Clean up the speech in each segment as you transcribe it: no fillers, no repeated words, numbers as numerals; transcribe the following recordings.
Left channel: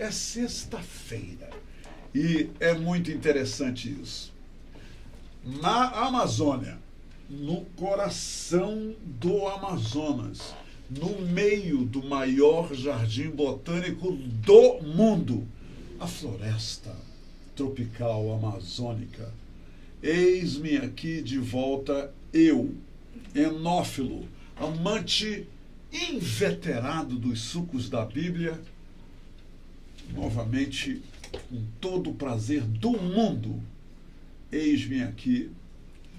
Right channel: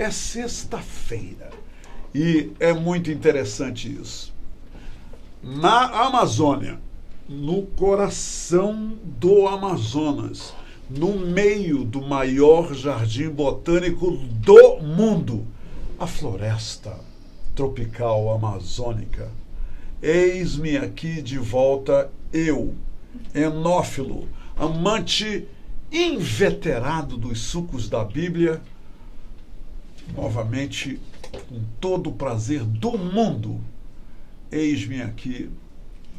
É sexta-feira e é muito interessante isso. Na Amazônia, no coração do Amazonas, no meio do maior jardim botânico do mundo, a floresta tropical amazônica. Eis-me aqui de volta, eu, enófilo, amante inveterado dos sucos da Bíblia, novamente, com todo o prazer do mundo, eis-me aqui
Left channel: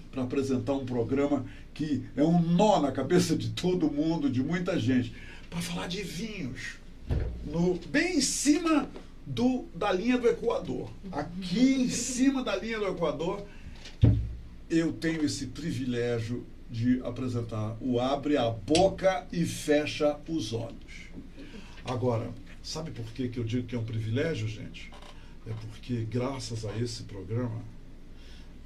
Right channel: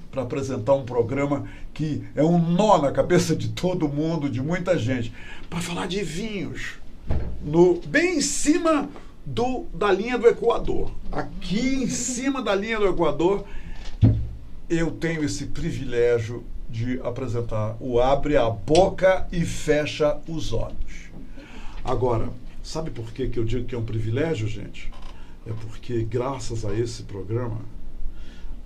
para apresentar um programa que é um nó na cabeça de todo mundo, de muita gente, para falar de vinhos, bem em cima da linha do Equador. Aqui em cima da linha do Equador, eu tenho esse privilégio de apresentar o Abre a Boca e Fecha os Olhos. Agora, sabe por que eu digo que é um privilégio, gente? É porque, graças a esse programa,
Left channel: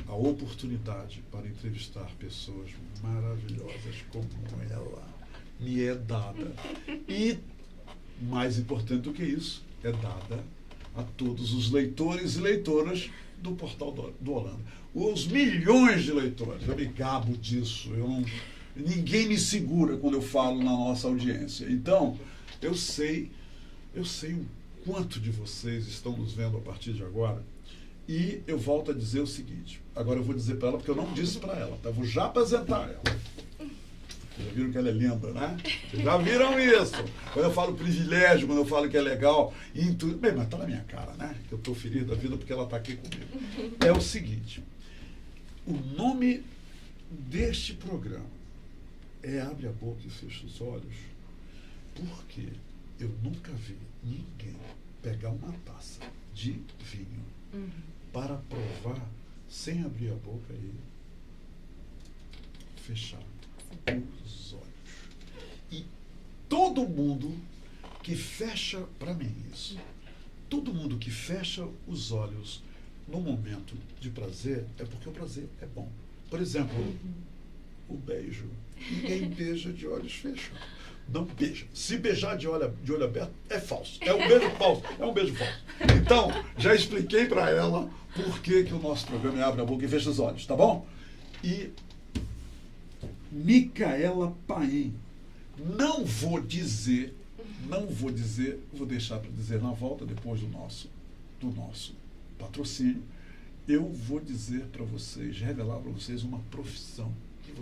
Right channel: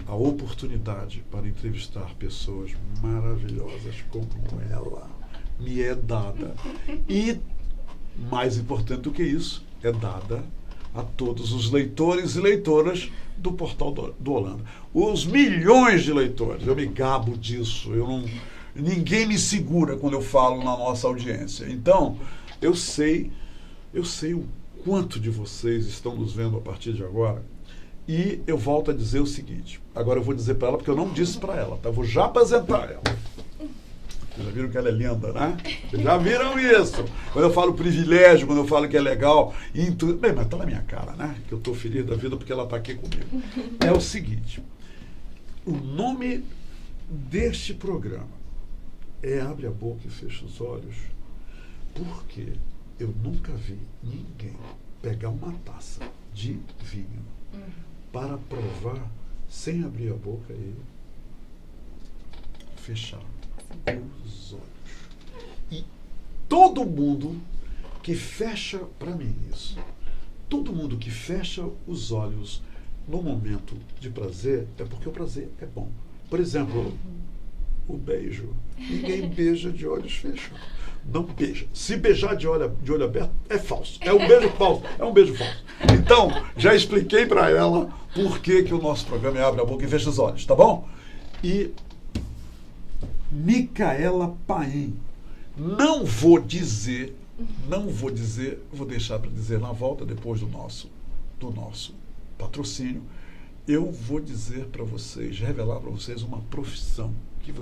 a oportunidade para entrevistar pessoas maravilhosas como ela me é dada. E, mais importante do que isso, é dada a todos os leitores e leitoras do Portal do Holanda. Os milhões de leitores, eu me gabo disso, ninguém me segura quando eu falo na nossa audiência. Então, eu sei o quanto de vocês estão nos vendo a partir de agora. E eu volto a dizer o seguinte, agora eu vou dizer para ela, porque eu não disse para ela, tá? Eu vou já apresentar ela. Vocês já viram que ela é linda, né? Vocês já viram isso? Quando eu falo privilégio, quando eu falo que é legal, bem, mas tá na minha cara, né? Que eu tô feliz da vida porque ela tá aqui comigo. É o seguinte, o nome deste programa é Abre a Boca e Fecha os Olhos, porque eu nunca vi ninguém pegar uma taça de vinho para provar sem abrir a boca e fechar os olhos. E todo mundo que fecha, para mim isso, todo mundo que fecha os olhos no momento de prazer é porque o prazer é bom. Por exemplo, o beijo. Ninguém beija de olhos fechados. Não beija. Se beijar de olho aberto, é falso. É um beijo falso. É um beijo falso. Então, já expliquei para ela por que o nosso programa é Abre a Boca e Fecha os Olhos, tá bom? E Micaela Paim. Não vou dizer, vou deixar para dizer na volta, depois do nosso patrocínio, eu vou dizer para vocês, revelar para vocês uma profissão que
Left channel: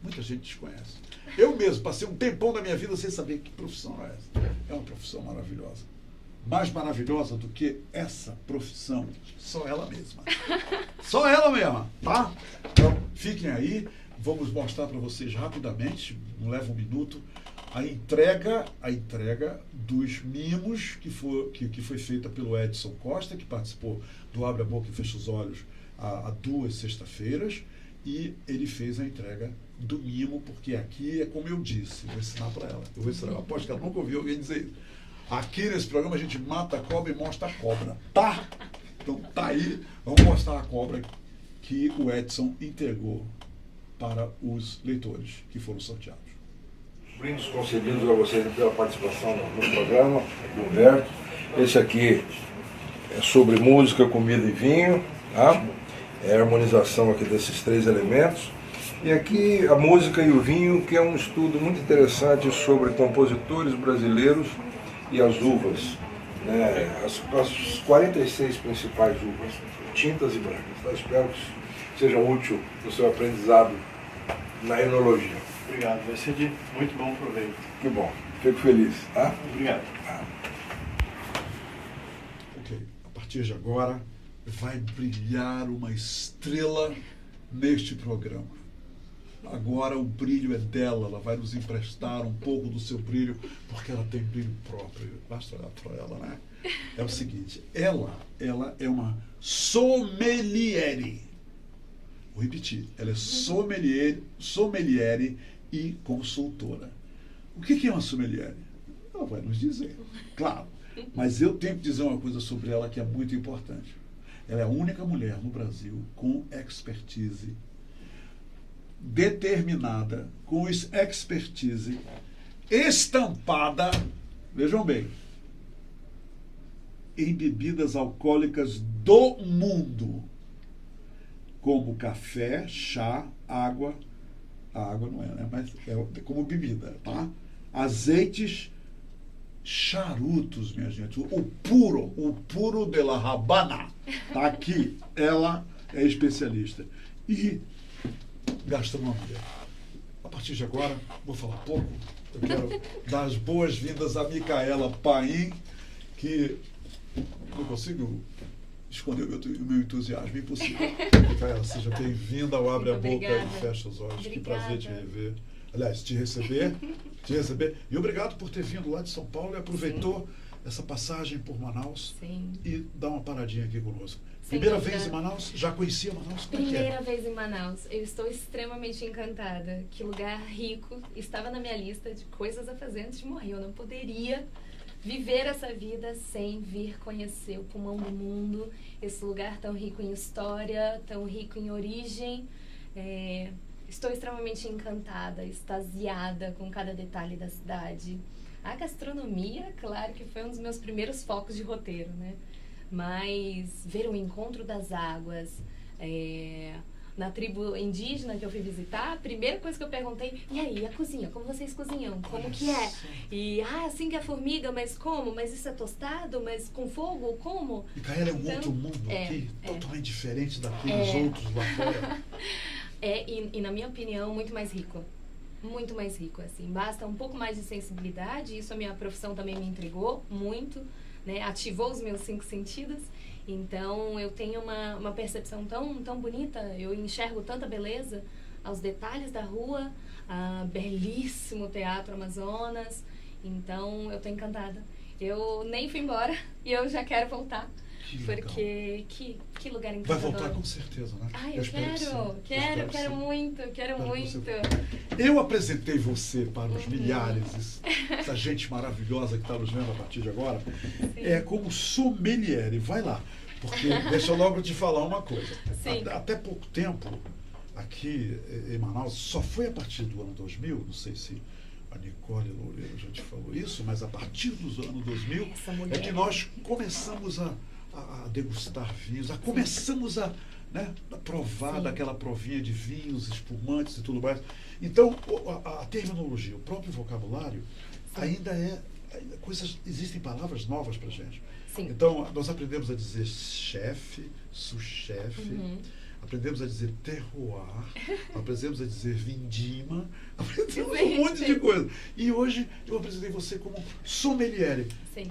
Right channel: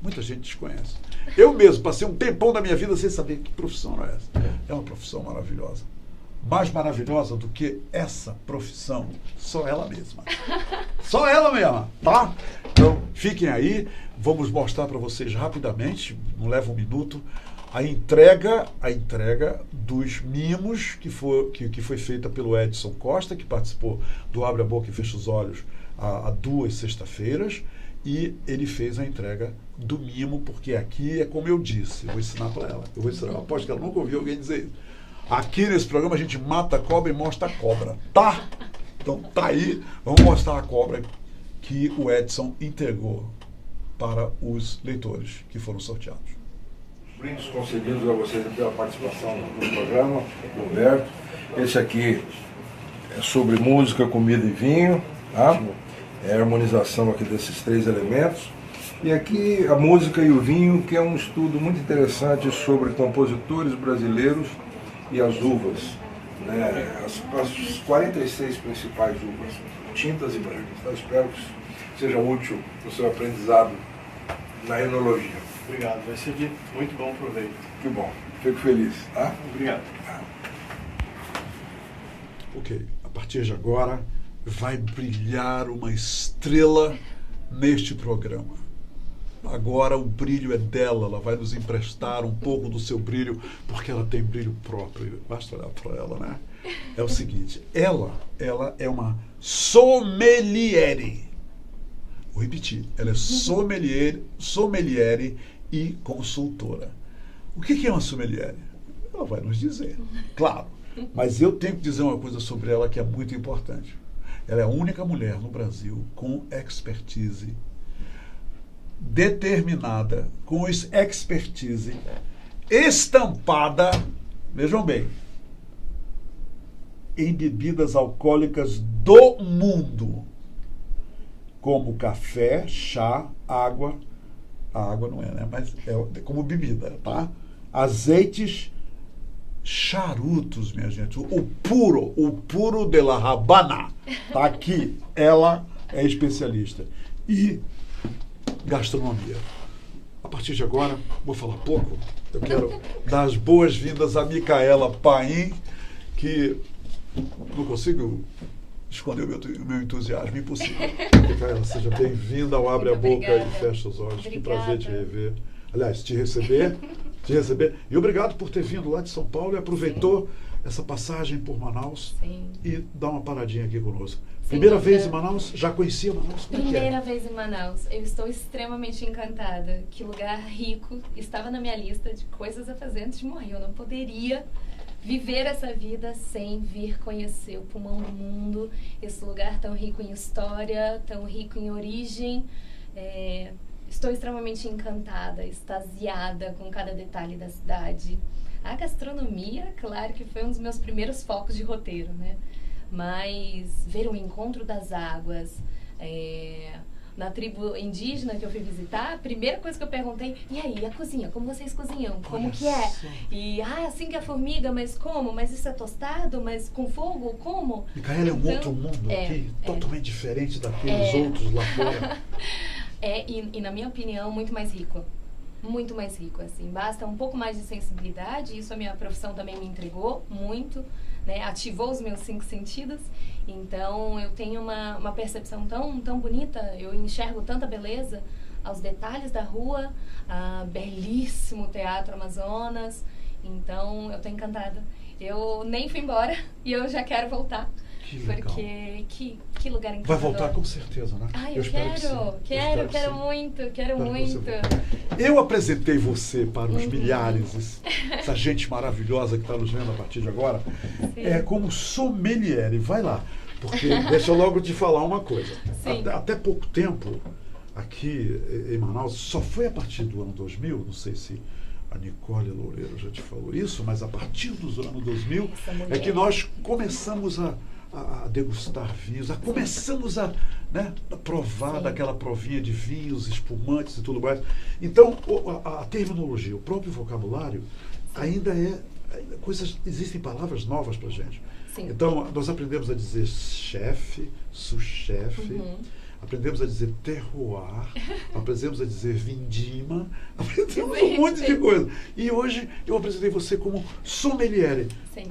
muita gente desconhece. Eu mesmo passei um tempão da minha vida sem saber que profissão é essa. É uma profissão maravilhosa. Mais maravilhosa do que essa profissão, só ela mesma. Só ela mesma, tá? Então, fiquem aí. Vamos mostrar para vocês rapidamente, não leva um minuto, a entrega dos mimos que foi feita pelo Edson Costa, que participou do Abre a Boca e Fecha os Olhos há 2 sextas-feiras. E ele fez a entrega do mimo, porque aqui é como eu disse, eu vou ensinar para ela. Eu vou ensinar, aposto que ela nunca ouviu alguém dizer isso. Aqui nesse programa a gente mata a cobra e mostra a cobra, tá? Então tá aí, vamos mostrar a cobra que o Edson entregou para os leitores que foram sorteados. Brindes concedidos a vocês pela participação no programa, Roberto. Esse aqui é sobre música, comida e vinho, tá? É a harmonização aqui desses 3 elementos. E aqui a música e o vinho, que é um estudo muito interessante sobre compositores brasileiros e as uvas, né? As 46 principais uvas, tintas e brancas. Eu espero que seja útil no seu aprendizado na enologia. Obrigado, vai ser de muito bom proveito. Que bom, fico feliz. Tá? Obrigado. Ok, a partir de agora vai brilhar uma estrela neste programa. Agora o brilho é dela, ela vai nos emprestar um pouco do seu brilho, porque ela tem brilho próprio. Basta olhar para ela, né? É o seguinte, ela é uma sommeliere. Vou repetir, ela é sommeliere e consultora. O que é uma sommeliere? Ela vai nos dizer, claro. Mas eu tenho que dizer uma coisa sobre ela que é muito importante. Ela é a única mulher no Brasil com expertise determinada, com expertise estampada, vejam bem, em bebidas alcoólicas do mundo, como café, chá, água. A água não é, né? Mas é como bebida, tá? Azeites, charutos, minha gente. O puro de la Habana. Tá aqui. Ela é especialista. E gastronomia. A partir de agora, vou falar pouco. Eu quero dar as boas-vindas a Micaela Paim, que não consigo esconder o meu entusiasmo, impossível. Micaela, seja bem-vinda ao Abre a Boca e Fecha os Olhos. Obrigada. Que prazer te rever. Aliás, te receber. E obrigado por ter vindo lá de São Paulo e aproveitou essa passagem por Manaus. Sim. E dá uma paradinha aqui conosco. Sem Primeira dúvida. vez em Manaus? Já conhecia Manaus? Como é que é? Primeira vez em Manaus. Eu estou extremamente encantada. Que lugar rico. Estava na minha lista de coisas a fazer antes de morrer. Eu não poderia viver essa vida sem vir conhecer o pulmão do mundo. Esse lugar tão rico em história, tão rico em origem. Estou extremamente encantada, extasiada com cada detalhe da cidade. A gastronomia, claro que foi um dos meus primeiros focos de roteiro, né? Mas ver o encontro das águas, na tribo indígena que eu fui visitar, a primeira coisa que eu perguntei, e aí, a cozinha, como vocês cozinham? Como que é? E, assim que é formiga, mas como? Mas isso é tostado? Mas com fogo? Como? Micaela é um Então, outro mundo aqui, totalmente diferente daqueles outros lá fora. E na minha opinião, muito mais rico. Muito mais rico, assim. Basta um pouco mais de sensibilidade, isso a minha profissão também me entregou muito, né? Ativou os meus 5 sentidos. Então, eu tenho uma percepção tão bonita, eu enxergo tanta beleza aos detalhes da rua, belíssimo Teatro Amazonas. Então, eu tô encantada. Eu nem fui embora e eu já quero voltar. Porque que lugar encantador. Vai voltar com certeza, né? Eu quero muito. Eu apresentei você para os milhares, essa gente maravilhosa que está nos vendo a partir de agora, como sommelier. Vai lá, porque deixa eu logo te falar uma coisa. Até pouco tempo, aqui em Manaus, só foi a partir do ano 2000, não sei se a Nicole Loureiro já te falou isso, mas a partir dos anos 2000 é que nós começamos a degustar vinhos, começamos a provar daquela provinha de vinhos, espumantes e tudo mais. Então, a terminologia, o próprio vocabulário, ainda existem palavras novas para a gente. Sim. Então, nós aprendemos a dizer chefe, sous-chefe, aprendemos a dizer terroir, aprendemos a dizer vindima, aprendemos um monte de coisa. E hoje eu apresentei você como sommelier. Sim.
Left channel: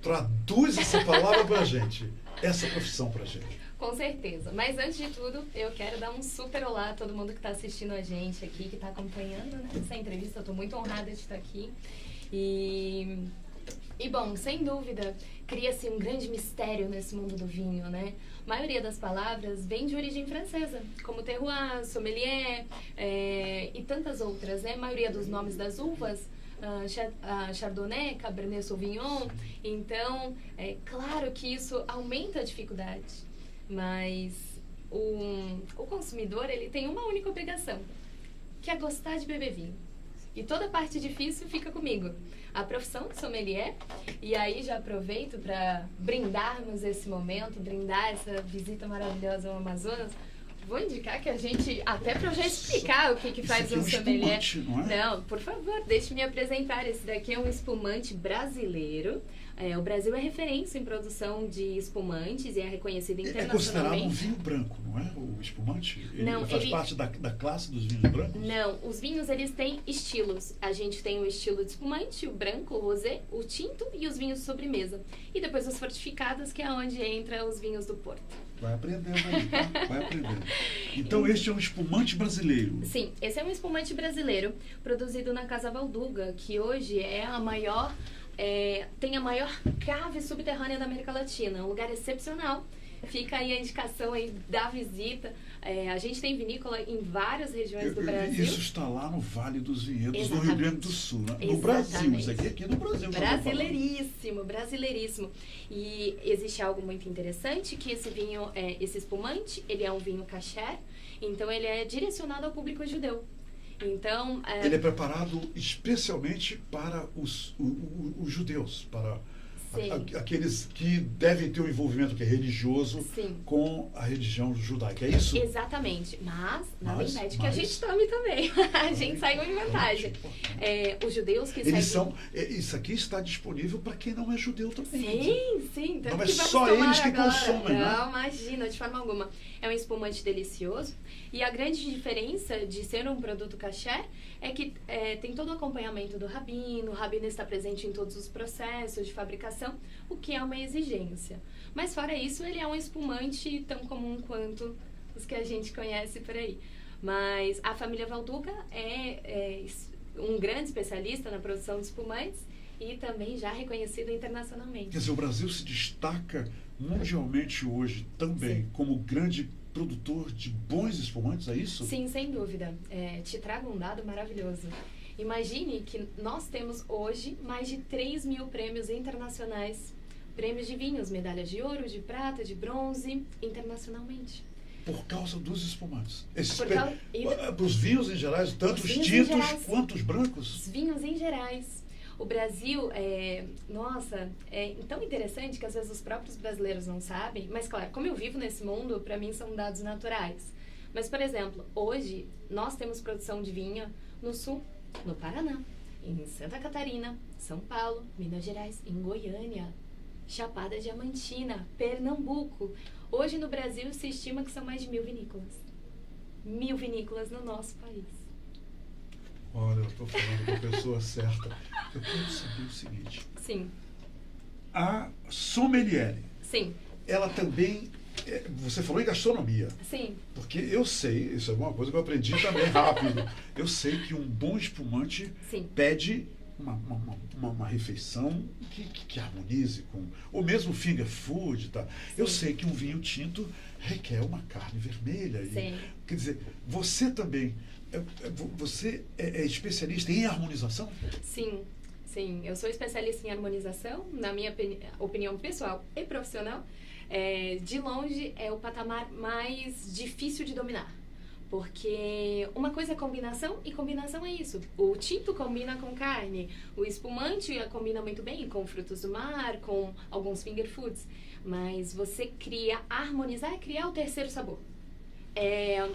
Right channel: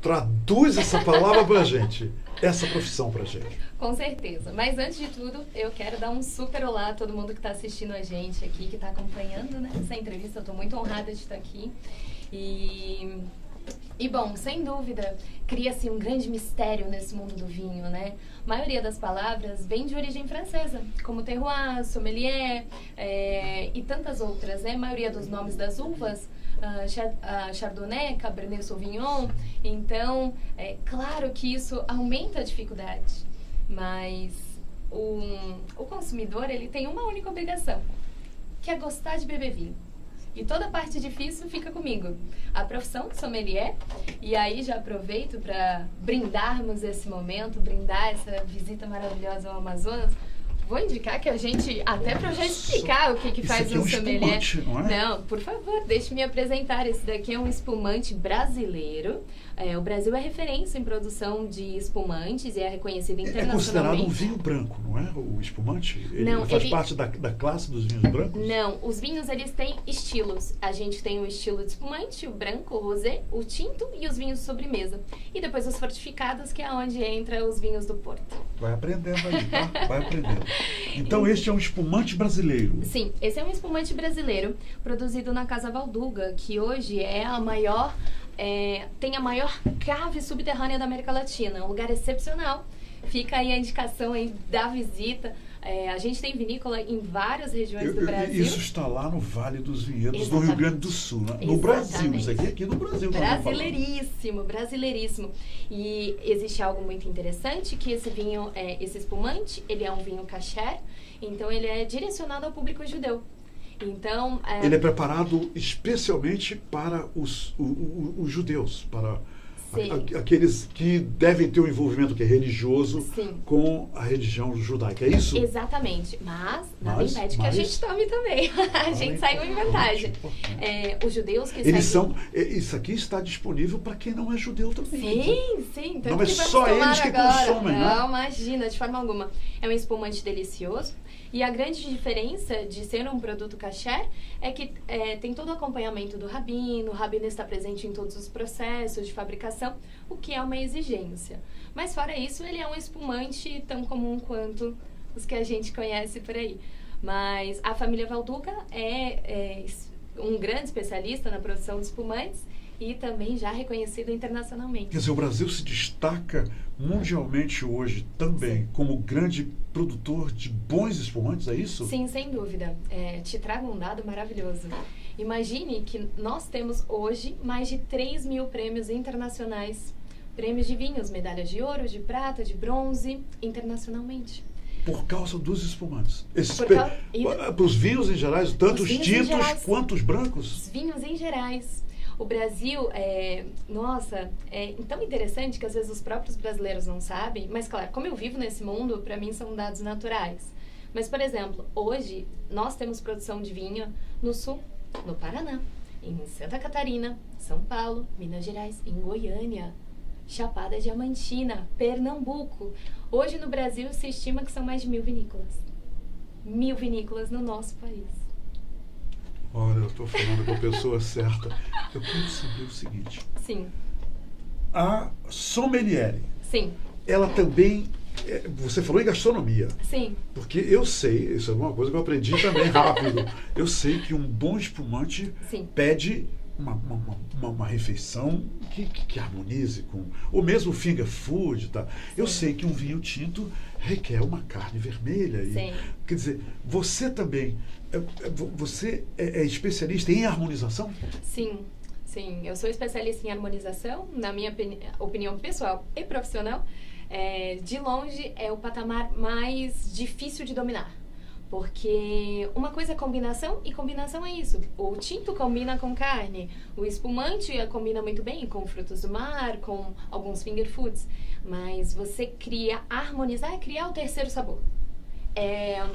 Traduz essa palavra pra gente, essa profissão pra gente. Com certeza. Mas antes de tudo, eu quero dar um super olá a todo mundo que está assistindo a gente aqui, que está acompanhando, né, essa entrevista. Eu estou muito honrada de estar aqui. E bom, sem dúvida, cria-se um grande mistério nesse mundo do vinho, né? A maioria das palavras vem de origem francesa, como terroir, sommelier e tantas outras, né? A maioria dos nomes das uvas, Chardonnay, Cabernet Sauvignon. Então, é claro que isso aumenta a dificuldade, mas o consumidor, ele tem uma única obrigação, que é gostar de beber vinho. E toda a parte difícil fica comigo. A profissão de sommelier, e aí já aproveito para brindarmos esse momento, brindar essa visita maravilhosa ao Amazonas. Vou indicar que a gente, até para eu já explicar o que faz um sommelier. Não é? Não, por favor, deixe-me me apresentar. Esse daqui é um espumante brasileiro. O Brasil é referência em produção de espumantes e é reconhecido internacionalmente. É considerado um vinho branco, não é? O espumante? Não, faz parte da classe dos vinhos brancos? Não, os vinhos, eles têm estilos. A gente tem o estilo de espumante, o branco, o rosé, o tinto e os vinhos de sobremesa. E depois os fortificados, que é onde entra os vinhos do Porto. Vai aprendendo aí, tá? Vai aprendendo. Então, este é um espumante brasileiro. Sim, esse é um espumante brasileiro, produzido na Casa Valduga, que hoje é a maior... tem a maior cave subterrânea da América Latina, um lugar excepcional. Fica aí a indicação aí da visita. A gente tem vinícola em várias regiões do Brasil. Isso está lá no Vale dos Vinhedos, Exatamente. no Rio Grande do Sul, né? No Brasil, isso aqui no Brasil. Brasileiríssimo, brasileiríssimo. E existe algo muito interessante, que esse vinho, esse espumante, ele é um vinho kasher, então ele é direcionado ao público judeu. Então, ele é preparado especialmente para os judeus, para Sim. Aqueles que devem ter um envolvimento que é religioso Sim. com a religião judaica, é isso? Exatamente, mas nada impede que a mas- gente tome também. A gente saiu em vantagem. Os judeus que Eles seguem... isso aqui está disponível para quem não é judeu também. Sim. Tanto Não é que vamos só tomar eles que agora. consomem, né? Não, imagina, de forma alguma. É um espumante delicioso. E a grande diferença de ser um produto kasher é que tem todo o acompanhamento do rabino. O rabino está presente em todos os processos de fabricação, o que é uma exigência. Mas fora isso, ele é um espumante tão comum quanto os que a gente conhece por aí. Mas a família Valduca é um grande especialista na produção de espumantes e também já reconhecido internacionalmente. Quer dizer, o Brasil se destaca mundialmente hoje também Sim. como grande produtor de bons espumantes, é isso? Sim, sem dúvida. Te trago um dado maravilhoso. Imagine que nós temos hoje mais de 3 mil prêmios internacionais. Prêmios de vinhos, medalhas de ouro, de prata, de bronze, internacionalmente. Por causa dos espumantes. Por Os vinhos em geral, tanto os vinhos em tintos gerais. quanto os brancos. Os vinhos em gerais. O Brasil é tão interessante que às vezes os próprios brasileiros não sabem, mas claro, como eu vivo nesse mundo, para mim são dados naturais. Mas, por exemplo, hoje nós temos produção de vinho no Sul, no Paraná, em Santa Catarina, São Paulo, Minas Gerais, em Goiânia, Chapada Diamantina, Pernambuco. Hoje no Brasil se estima que são mais de 1.000 vinícolas. 1.000 vinícolas no nosso país. Olha, eu estou falando com a pessoa certa. Eu quero saber o seguinte. Sim. A sommelier, Sim. ela também... Você falou em gastronomia. Sim. Porque eu sei, isso é uma coisa que eu aprendi também rápido. Eu sei que um bom espumante Sim. pede uma refeição que harmonize com... Ou mesmo finger food, tá? Eu sei que um vinho tinto requer uma carne vermelha. Sim. Quer dizer, você também... Você é especialista em harmonização? Sim. Eu sou especialista em harmonização, na minha opinião pessoal e profissional. De longe é o patamar mais difícil de dominar. Porque uma coisa é combinação, e combinação é isso. O tinto combina com carne, o espumante combina muito bem com frutos do mar, com alguns finger foods. Mas você harmonizar é criar o terceiro sabor.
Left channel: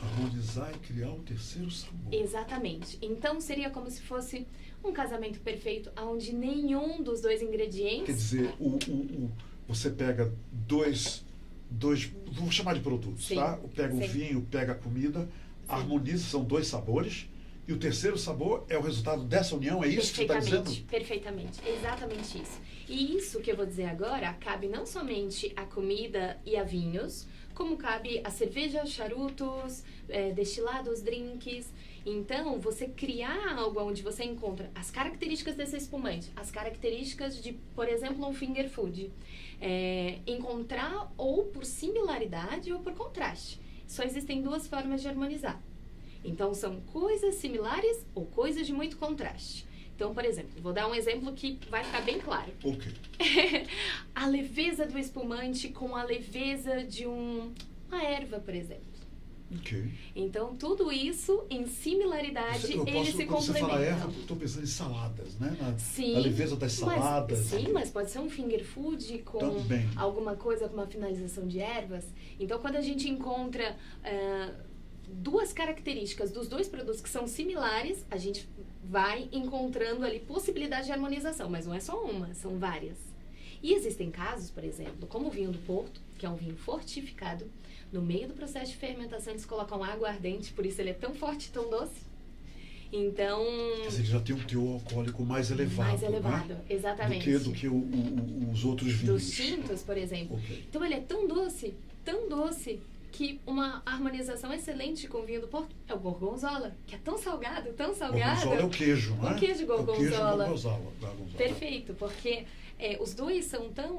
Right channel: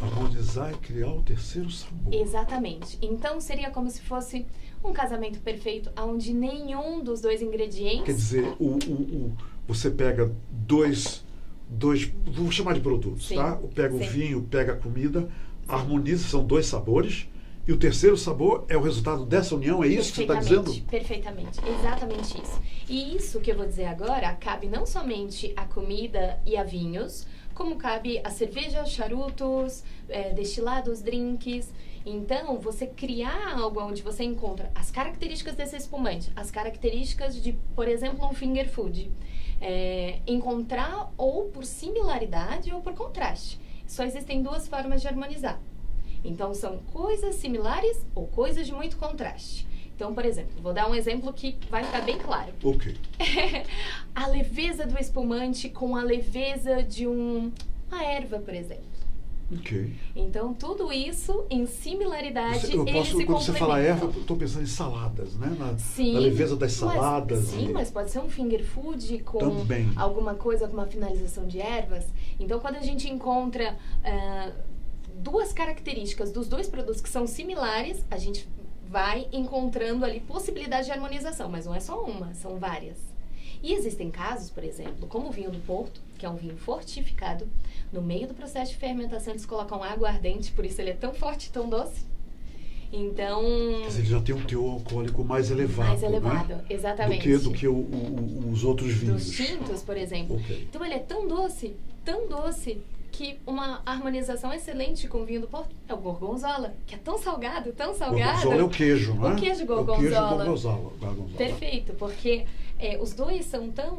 Harmonizar e criar o terceiro sabor. Exatamente. Então seria como se fosse um casamento perfeito, onde nenhum dos dois ingredientes... Quer dizer, você pega dois, vou chamar de produtos, Sim. tá? Pega o Sim. vinho, pega a comida, harmoniza, são 2 sabores, e o terceiro sabor é o resultado dessa união, é isso que você está dizendo? Perfeitamente, exatamente isso. E isso que eu vou dizer agora cabe não somente a comida e a vinhos, como cabe a cerveja, charutos, destilados, drinks. Então, você criar algo onde você encontra as características desse espumante, as características de, por exemplo, um finger food. Encontrar ou por similaridade ou por contraste. Só existem 2 formas de harmonizar. Então, são coisas similares ou coisas de muito contraste. Então, por exemplo, vou dar um exemplo que vai ficar bem claro. Ok. A leveza do espumante com a leveza de uma erva, por exemplo. Ok. Então, tudo isso em similaridade, Quando você fala erva, complementam. eu estou pensando em saladas, né? Sim, na leveza das saladas. Mas pode ser um finger food com Também. alguma coisa, com uma finalização de ervas. Então, quando a gente encontra 2 características dos 2 produtos que são similares, a gente vai encontrando ali possibilidade de harmonização. Mas não é só uma, são várias. E existem casos, por exemplo, como o vinho do Porto, que é um vinho fortificado. No meio do processo de fermentação, eles colocam água ardente, por isso ele é tão forte e tão doce. Então... Quer dizer, ele já tem um teor alcoólico mais elevado. Mais elevado, né? exatamente. Do que os outros vinhos. Dos tintos, por exemplo. Okay. Então ele é tão doce, que uma harmonização excelente com o vinho do Porto é o gorgonzola, que é tão salgado, tão salgado. Gorgonzola é o queijo, né? O queijo gorgonzola. O queijo gorgonzola. Perfeito, porque os dois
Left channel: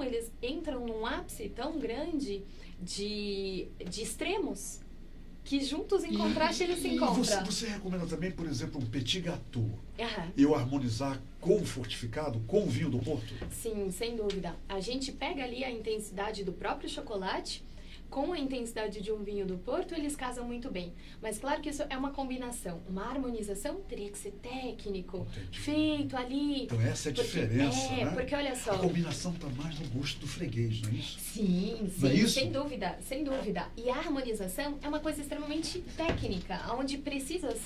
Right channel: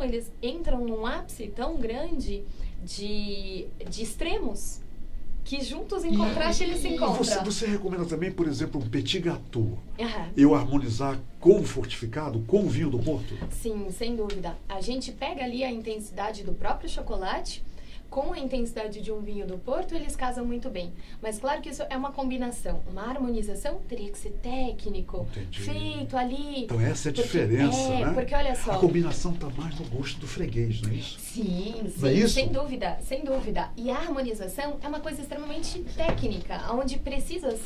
eles entram num ápice tão grande de extremos, que juntos em contraste eles se encontram. Você recomenda também, por exemplo, um petit gâteau? Uhum. Eu harmonizar com o fortificado, com o vinho do Porto? Sim, sem dúvida. A gente pega ali a intensidade do próprio chocolate com a intensidade de um vinho do Porto, eles casam muito bem. Mas claro que isso é uma combinação. Uma harmonização teria que ser técnico, Entendi. feito ali. Então essa é a diferença, né? Porque olha só. A combinação está mais no gosto do freguês, não é isso? Sim, Não é isso? sem dúvida, sem dúvida. E a harmonização é uma coisa extremamente técnica, onde precisas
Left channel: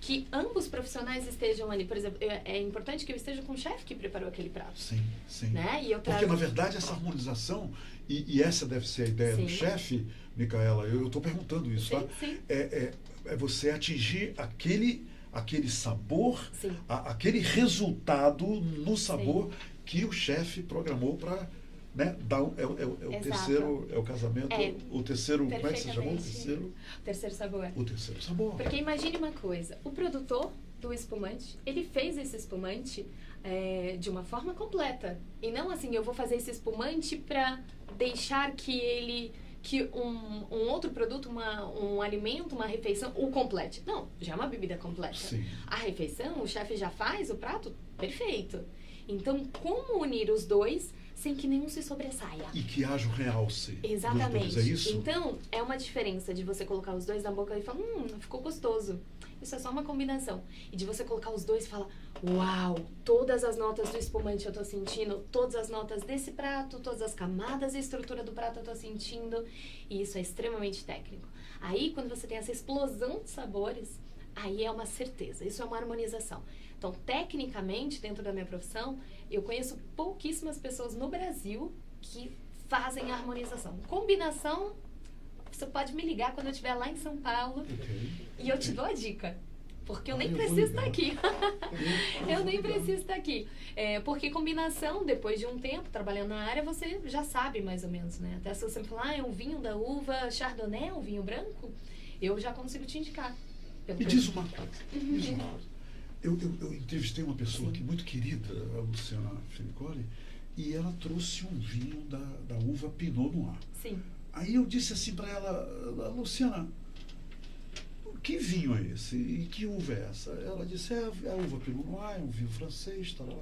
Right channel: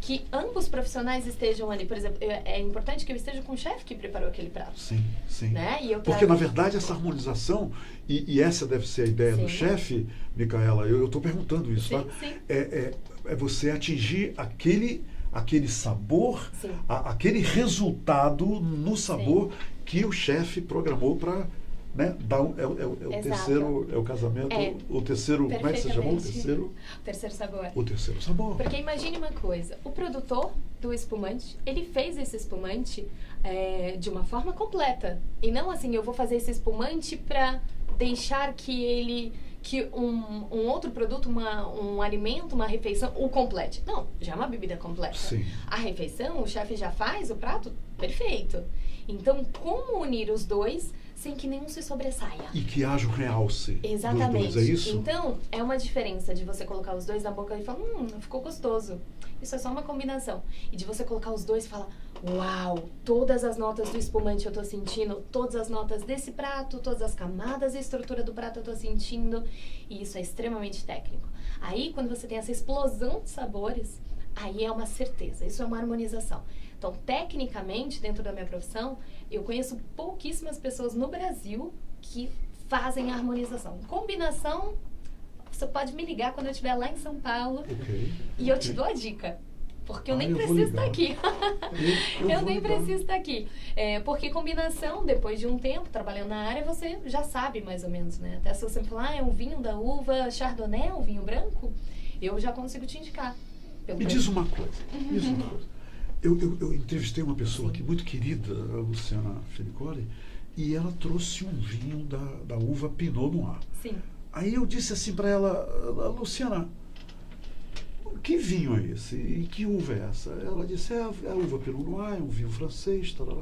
que ambos profissionais estejam ali. Por exemplo, é importante que eu esteja com o chefe que preparou aquele prato. Sim, sim. Né? E eu Porque, na verdade, essa harmonização, e essa deve ser a ideia do Sim. chefe, Micaela, eu estou perguntando isso, Sim, tá? sim. É você atingir aquele sabor, Sim. aquele resultado no sabor que o chefe programou para, né, dar o Exato. terceiro, é o casamento, o terceiro, como é que você chamou? O terceiro sabor. O terceiro sabor. Porque imagine uma coisa, o produtor do espumante, ele fez esse espumante de uma forma completa. E não assim, eu vou fazer esse espumante para deixar que um outro produto, um alimento, uma refeição, o complete. Não, já é uma bebida completa. Sim. A refeição, o chefe já faz o prato perfeito. Então, como unir os dois sem que nenhum se sobressaia? E que haja um realce. Exatamente. Dos dois, é isso? Então, é uma diferença de você colocar os dois na boca e falar, ficou gostoso. Isso é só uma combinação. E de você colocar os dois e falar, uau, todas as notas do espumante eu tô sentindo, todas as notas desse prato, todas as camadas e estrutura do prato eu tô sentindo. E isso é extremamente técnico. Aí, quando você tem essa explosão de sabores, aí é uma certeza. Isso é uma harmonização. Então, tecnicamente, dentro da minha profissão, eu conheço pouquíssimas pessoas no Brasil que fazem a harmonização. Combinação, você pode me ligar quando eu estiver lá em São Paulo e eu te dou a dica. Porque eu nem preciso estar aqui. Eu nem preciso estar aqui. Porque combinação, depois de um tempo trabalhando na área, você já sabe mais ou menos, né? Até se você me falar, é um vinho da uva Chardonnay, um vinho branco, eu já consigo te indicar. Me diz uma coisa. Eu entrevistei uma pessoa aqui muito querida, a Luciana Felicoli, e ela trouxe um vinho da uva Pinot Noir. Sim. Aí eu disse assim para ela, Luciana, que vinho é esse? E que uva é essa? Ela disse, é a uva Pinot Noir, é um vinho francês, tarará.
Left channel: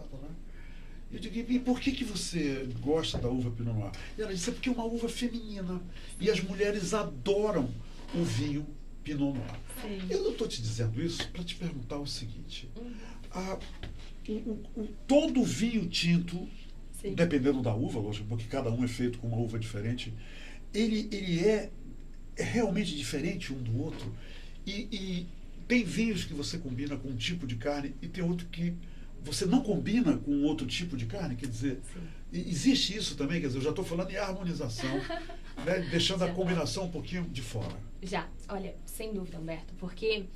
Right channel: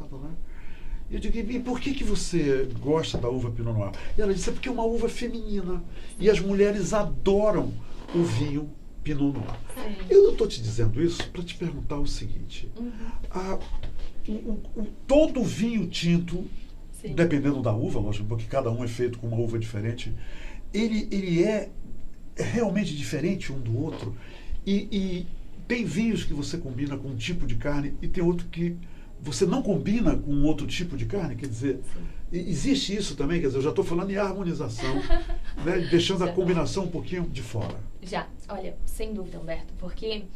Eu digo, e por que você gosta da uva Pinot Noir? E ela disse, é porque é uma uva feminina, e as mulheres adoram o vinho Pinot Noir. Sim. Eu não estou te dizendo isso para te perguntar o seguinte. Todo vinho tinto, Sim. dependendo da uva, lógico, porque cada um é feito com uma uva diferente, ele é realmente diferente um do outro. E tem vinhos que você combina com um tipo de carne e tem outro que você não combina com outro tipo de carne. Quer dizer, existe isso também? Quer dizer, eu já estou falando em harmonização, né, deixando a combinação um pouquinho de fora. Já, olha, sem dúvida, Humberto, porque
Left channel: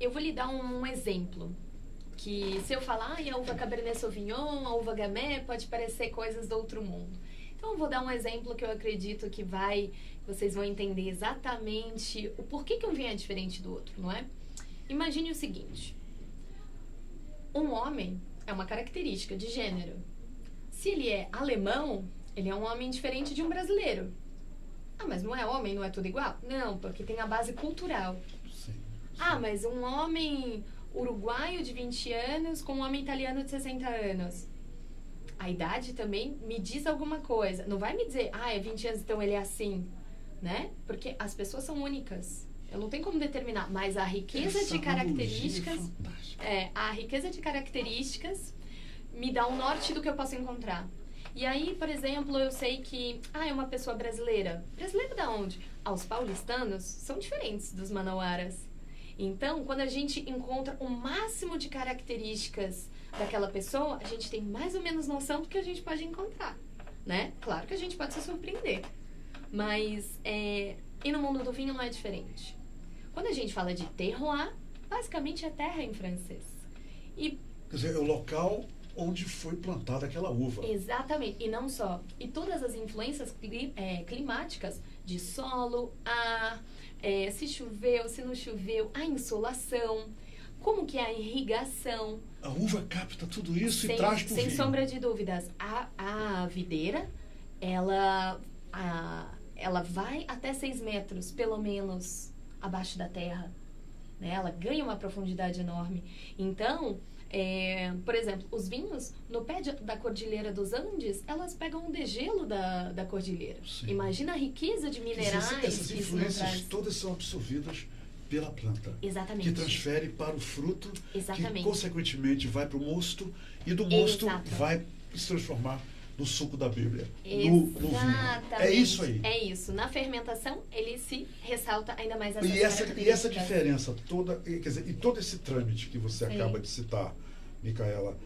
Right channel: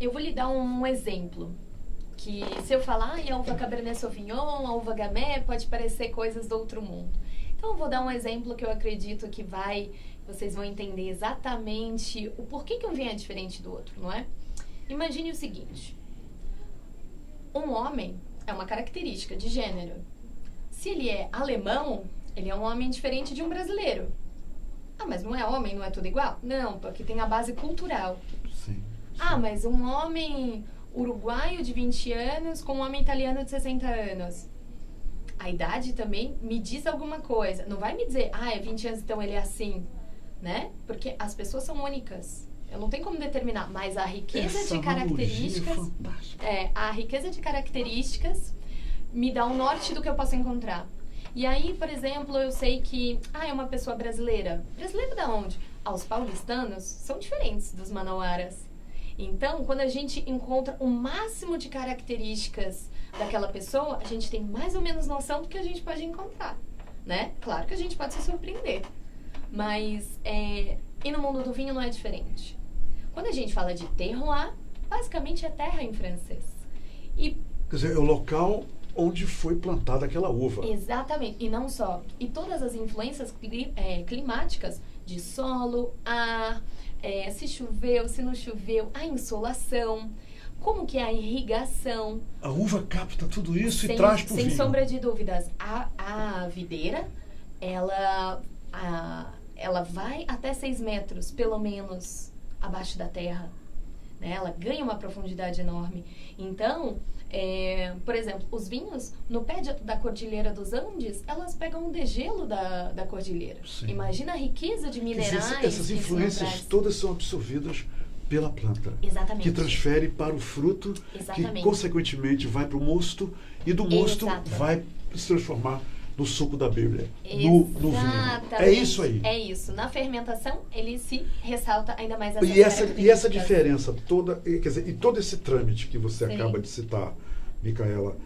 eu vou lhe dar um exemplo. Que se eu falar a uva Cabernet Sauvignon, a uva Gamay, pode parecer coisas do outro mundo. Então, eu vou dar um exemplo que eu acredito que vocês vão entender exatamente o porquê que um vinho é diferente do outro, não é? Imagine o seguinte. Um homem é uma característica de gênero. Se ele é alemão, ele é um homem diferente de um brasileiro. Ah, mas não é homem, não é tudo igual? Não, porque tem a base cultural. Sim. Ah, mas um homem uruguaio de 20 anos com um homem italiano de 60 anos. A idade também me diz alguma coisa. Não vai me dizer, é 20 anos, então ele é assim, né? Porque as pessoas são únicas. Eu não tenho como determinar, mas a riqueza de características... a riqueza de características me dá um norte do que eu posso encontrar. E aí, por exemplo, eu sei que é uma pessoa brasileira. Brasileira da onde? Os paulistanos são diferentes dos manauaras. Então, quando a gente encontra o máximo de características daquela pessoa, a gente tem mais ou menos noção do que a gente pode encontrar, né? Claro que a gente pode se surpreender, mas e no mundo do vinho não é diferente. Quando a gente fala de terroir, basicamente é terra em francês. Quer dizer, é o local onde foi plantada aquela uva. Exatamente, e não só. E todas as influências climáticas de solo, ar, se choveu, se não choveu, a insolação, como que é a irrigação. A uva capta tudo isso e traz para o vinho. Sem sombra de dúvidas. A videira, ela vai até 6 metros, pelo menos, abaixo da terra. né? Ela ganha uma profundidade enorme. Então, por exemplo, os vinhos no pé da Cordilheira dos Andes, elas pegam o degelo da cordilheira. Sim. Imagina a riqueza de minerais. Essas que isso influências traz. todas são absorvidas pela planta. Exatamente. Que transfere para o fruto, Exatamente. que consequentemente vai para o mosto, e do mosto Exato. vai se transformar no suco da Bíblia, no vinho. É isso aí. É isso. Na fermentação, ele se ressalta ainda mais essas E essa características. diferença toda, quer dizer, e todo esse trâmite que você Sim. acaba de citar, Micaela,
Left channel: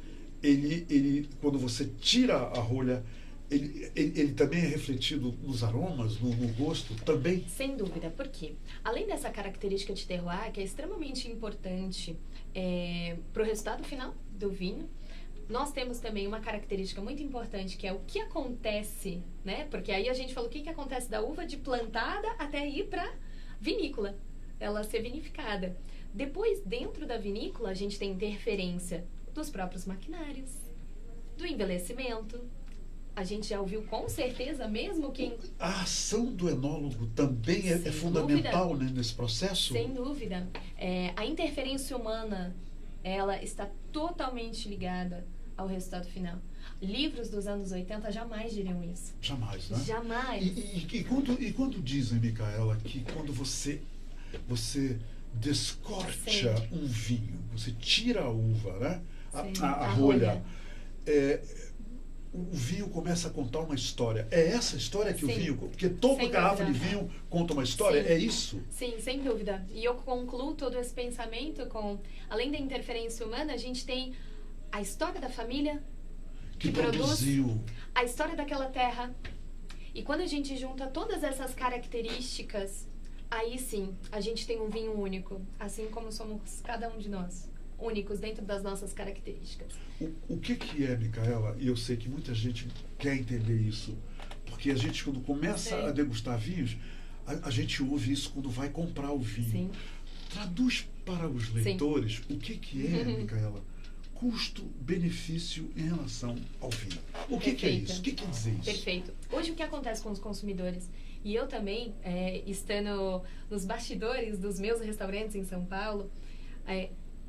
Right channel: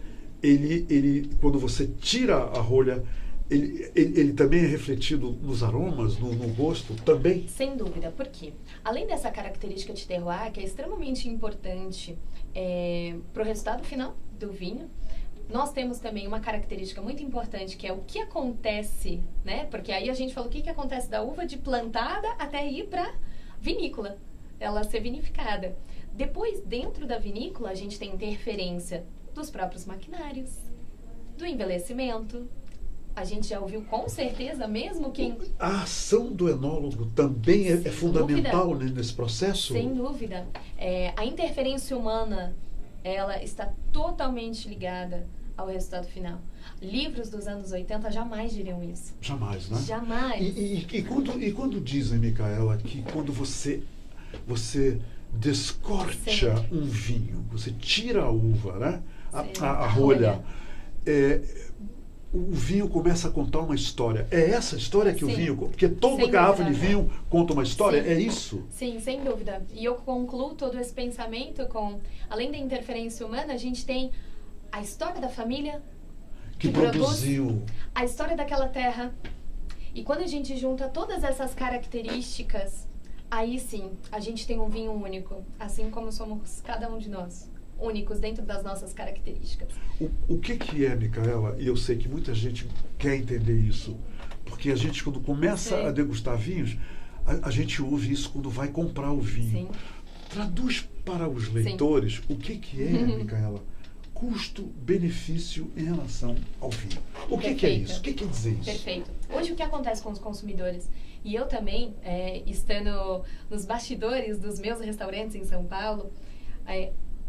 ele quando você tira a rolha, ele também é refletido nos aromas, no gosto também? Sem dúvida, por quê? Além dessa característica de terroir, que é extremamente importante para o resultado final do vinho, nós temos também uma característica muito importante, que é o que acontece, né? Porque aí a gente falou o que acontece da uva de plantada até ir para vinícola, ela ser vinificada. Depois, dentro da vinícola, a gente tem interferência dos próprios maquinários, do envelhecimento. A gente já ouviu com certeza, mesmo quem... A ação do enólogo também é fundamental, né, nesse processo? Sem dúvida. A interferência humana, ela está totalmente ligada ao resultado final. Livros dos anos 80 jamais diriam isso. Jamais, né? Jamais. E quando dizem, Micaela, que quando você descorcha Sim. um vinho, você tira a uva, né? Sim, A rolha, o vinho começa a contar uma história. É essa história que Sim. o vinho... Porque toda Sem garrafa dúvida. de vinho conta uma história, Sim. é isso? Sim, sem dúvida. E eu concluo todo esse pensamento com, além da interferência humana, a gente tem a história da família Que produziu... a história daquela terra. E quando a gente junta todas essas características, aí sim, a gente tem um vinho único, assim como somos cada um de nós, únicos dentro das nossas características. O que é, Micaela, e eu sei que muita gente quer entender isso, porque a gente, quando começa Sim. a degustar vinhos, a gente ouve isso quando vai comprar o vinho. Sim. Traduz para os leitores o que é, Micaela, custo-benefício em relação ao vinho. O que é Perfeito. isso? O que quer dizer isso? Perfeito. Hoje o que acontece com os consumidores? E eu também, estando nos bastidores dos meus restaurantes em São Paulo,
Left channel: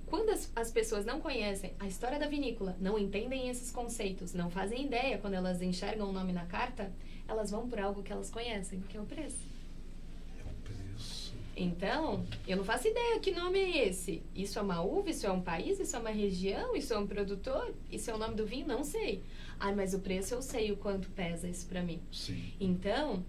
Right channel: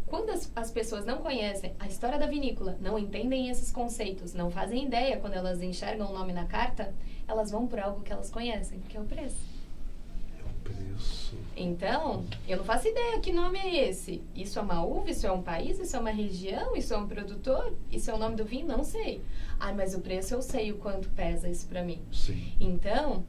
quando as pessoas não conhecem a história da vinícola, não entendem esses conceitos, não fazem ideia quando elas enxergam o nome na carta, elas vão por algo que elas conhecem, que é o preço. É o preço. Então, eu não faço ideia que nome é esse. Isso é uma uva, isso é um país, isso é uma região, isso é um produtor, isso é o nome do vinho, não sei. Mas o preço eu sei o quanto pesa isso pra mim. Sim. Então,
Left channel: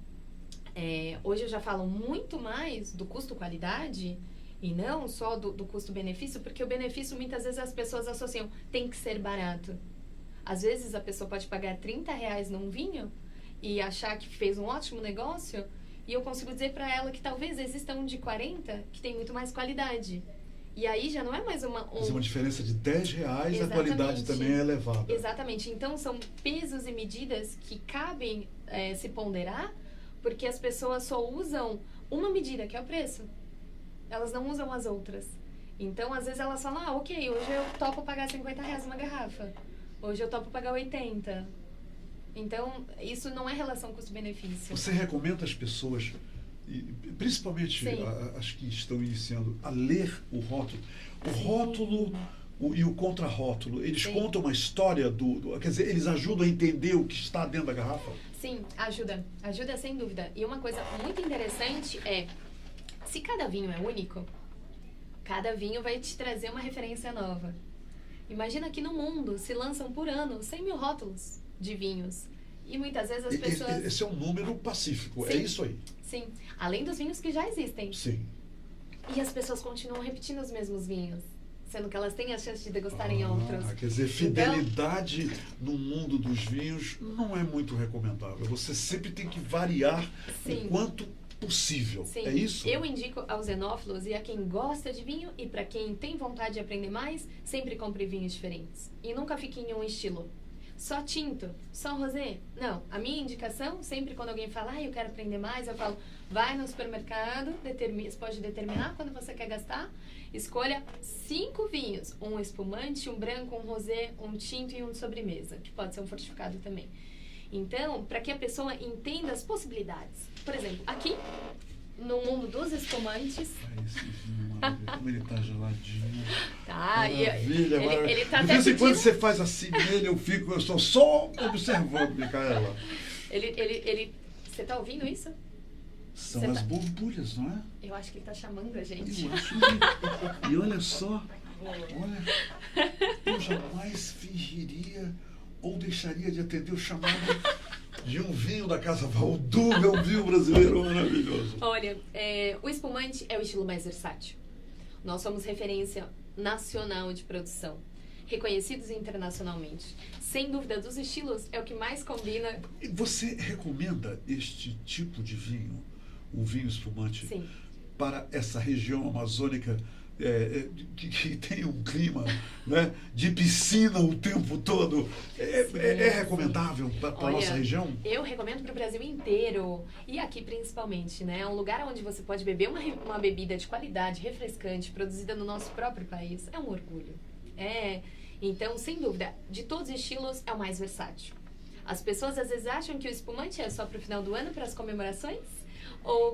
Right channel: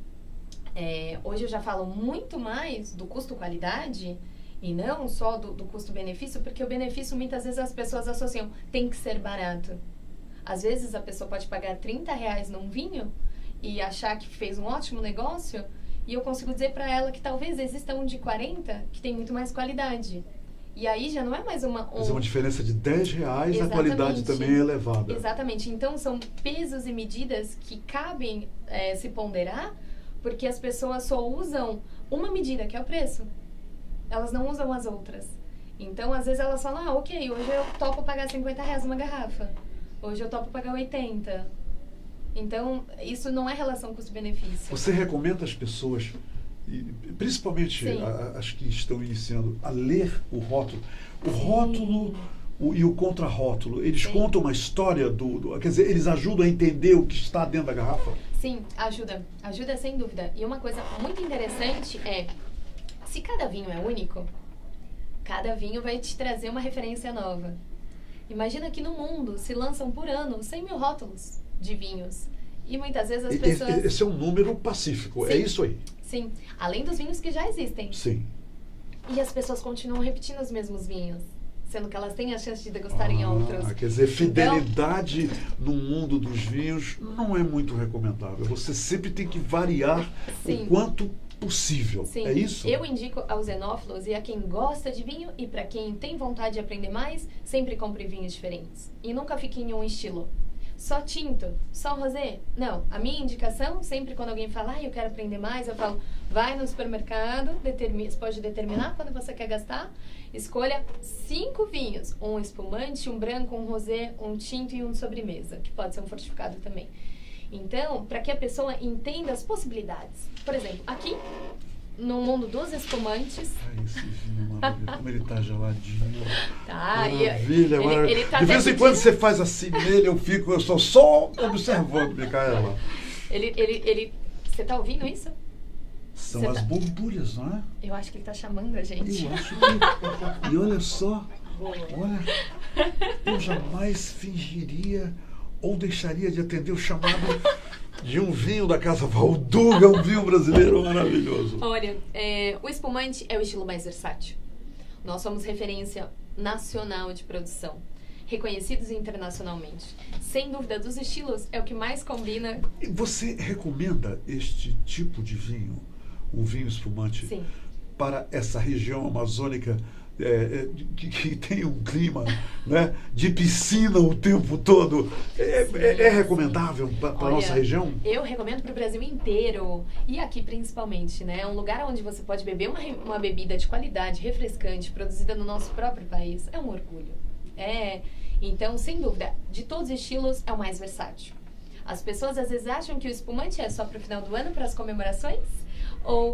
hoje eu já falo muito mais do custo-qualidade e não só do custo-benefício, porque o benefício muitas vezes as pessoas associam, tem que ser barato. Às vezes a pessoa pode pagar R$30 num vinho e achar que fez um ótimo negócio, e eu consigo dizer para ela que talvez exista um de 40 que tem muito mais qualidade. E aí já não é mais Mas é uma diferença de R$10, a Exatamente. qualidade também é elevada. Exatamente. Então, são pesos e medidas que cabem se ponderar, porque as pessoas só usam uma medida, que é o preço. Elas não usam as outras. Então, às vezes elas falam, ok, hoje eu topo pagar R$50 uma garrafa. Hoje eu topo pagar 80. Então, isso não é relação custo-benefício. Você recomenda às pessoas, e principalmente as que estão iniciando, a ler o rótulo? O rótulo e o contrarótulo, eles contam uma história quer dizer, eles ajudam a entender o que está dentro da garrafa? Sim, ajuda. Ajuda sem dúvida. E uma coisa muito interessante é, se cada vinho é único, cada vinho vai te trazer uma referência nova. Imagina que no mundo se lançam por ano 100 mil rótulos de vinhos. E muitas vezes as pessoas... Esse é um número pacífico, Sim. é isso aí? Sim, além dos vinhos que já existem. Sim. E as pessoas continuam repetindo os mesmos vinhos, sendo que elas têm a chance de degustarem outros. Quer dizer, fidelidade no mundo dos vinhos não é muito recomendável. Você sempre tem que variar o quanto possível. Sim. É isso? Eu indico aos enófilos e a quem gosta de vinho e para quem tem vontade de aprender mais, sempre compre vinhos diferentes. E nunca fique em um estilo. Só tinto, só rosé. Não, a minha indicação, sempre quando alguém fala, eu quero aprender mais, eu falo, vai no supermercado, você pode determinar quando você quer gastar, escolha 5 vinhos, um espumante, um branco, um rosé, um tinto e um de sobremesa, que pode ser um fortificado também. Então, para que a pessoa entenda as possibilidades. Por exemplo, aqui no mundo dos espumantes. Ai, esse vinho, maravilha. Como ele tá geladinho. Tá, Maravilha, maravilha. ele tá De vez até em quando pedindo- você faz assim nele, eu estou só observando, Micaela. Você tá ouvindo isso? São Você as tá- borbulhas, não é? Eu acho que ele tá chamando a gente. Eu acho que... E olha só, olha, eu jamais fingiria ou deixaria de atender o chamado de um vinho da Casa Valduga, um vinho brasileiro maravilhoso. Olha, o espumante é o estilo mais versátil. Nós somos referência nacional de produção, reconhecidos internacionalmente. Sem dúvida, dos estilos é o que mais combina. E você recomenda este tipo de vinho, um vinho espumante, Sim. para essa região amazônica que tem um clima, né, de piscina o tempo todo? É recomendável para a Olha, nossa região? Eu recomendo para o Brasil inteiro e aqui principalmente, né? É um lugar onde você pode beber uma bebida de qualidade, refrescante, produzida no nosso próprio país. É um orgulho. Então, sem dúvida, de todos os estilos, é o mais versátil. As pessoas às vezes acham que o espumante é só para o final do ano, para as comemorações.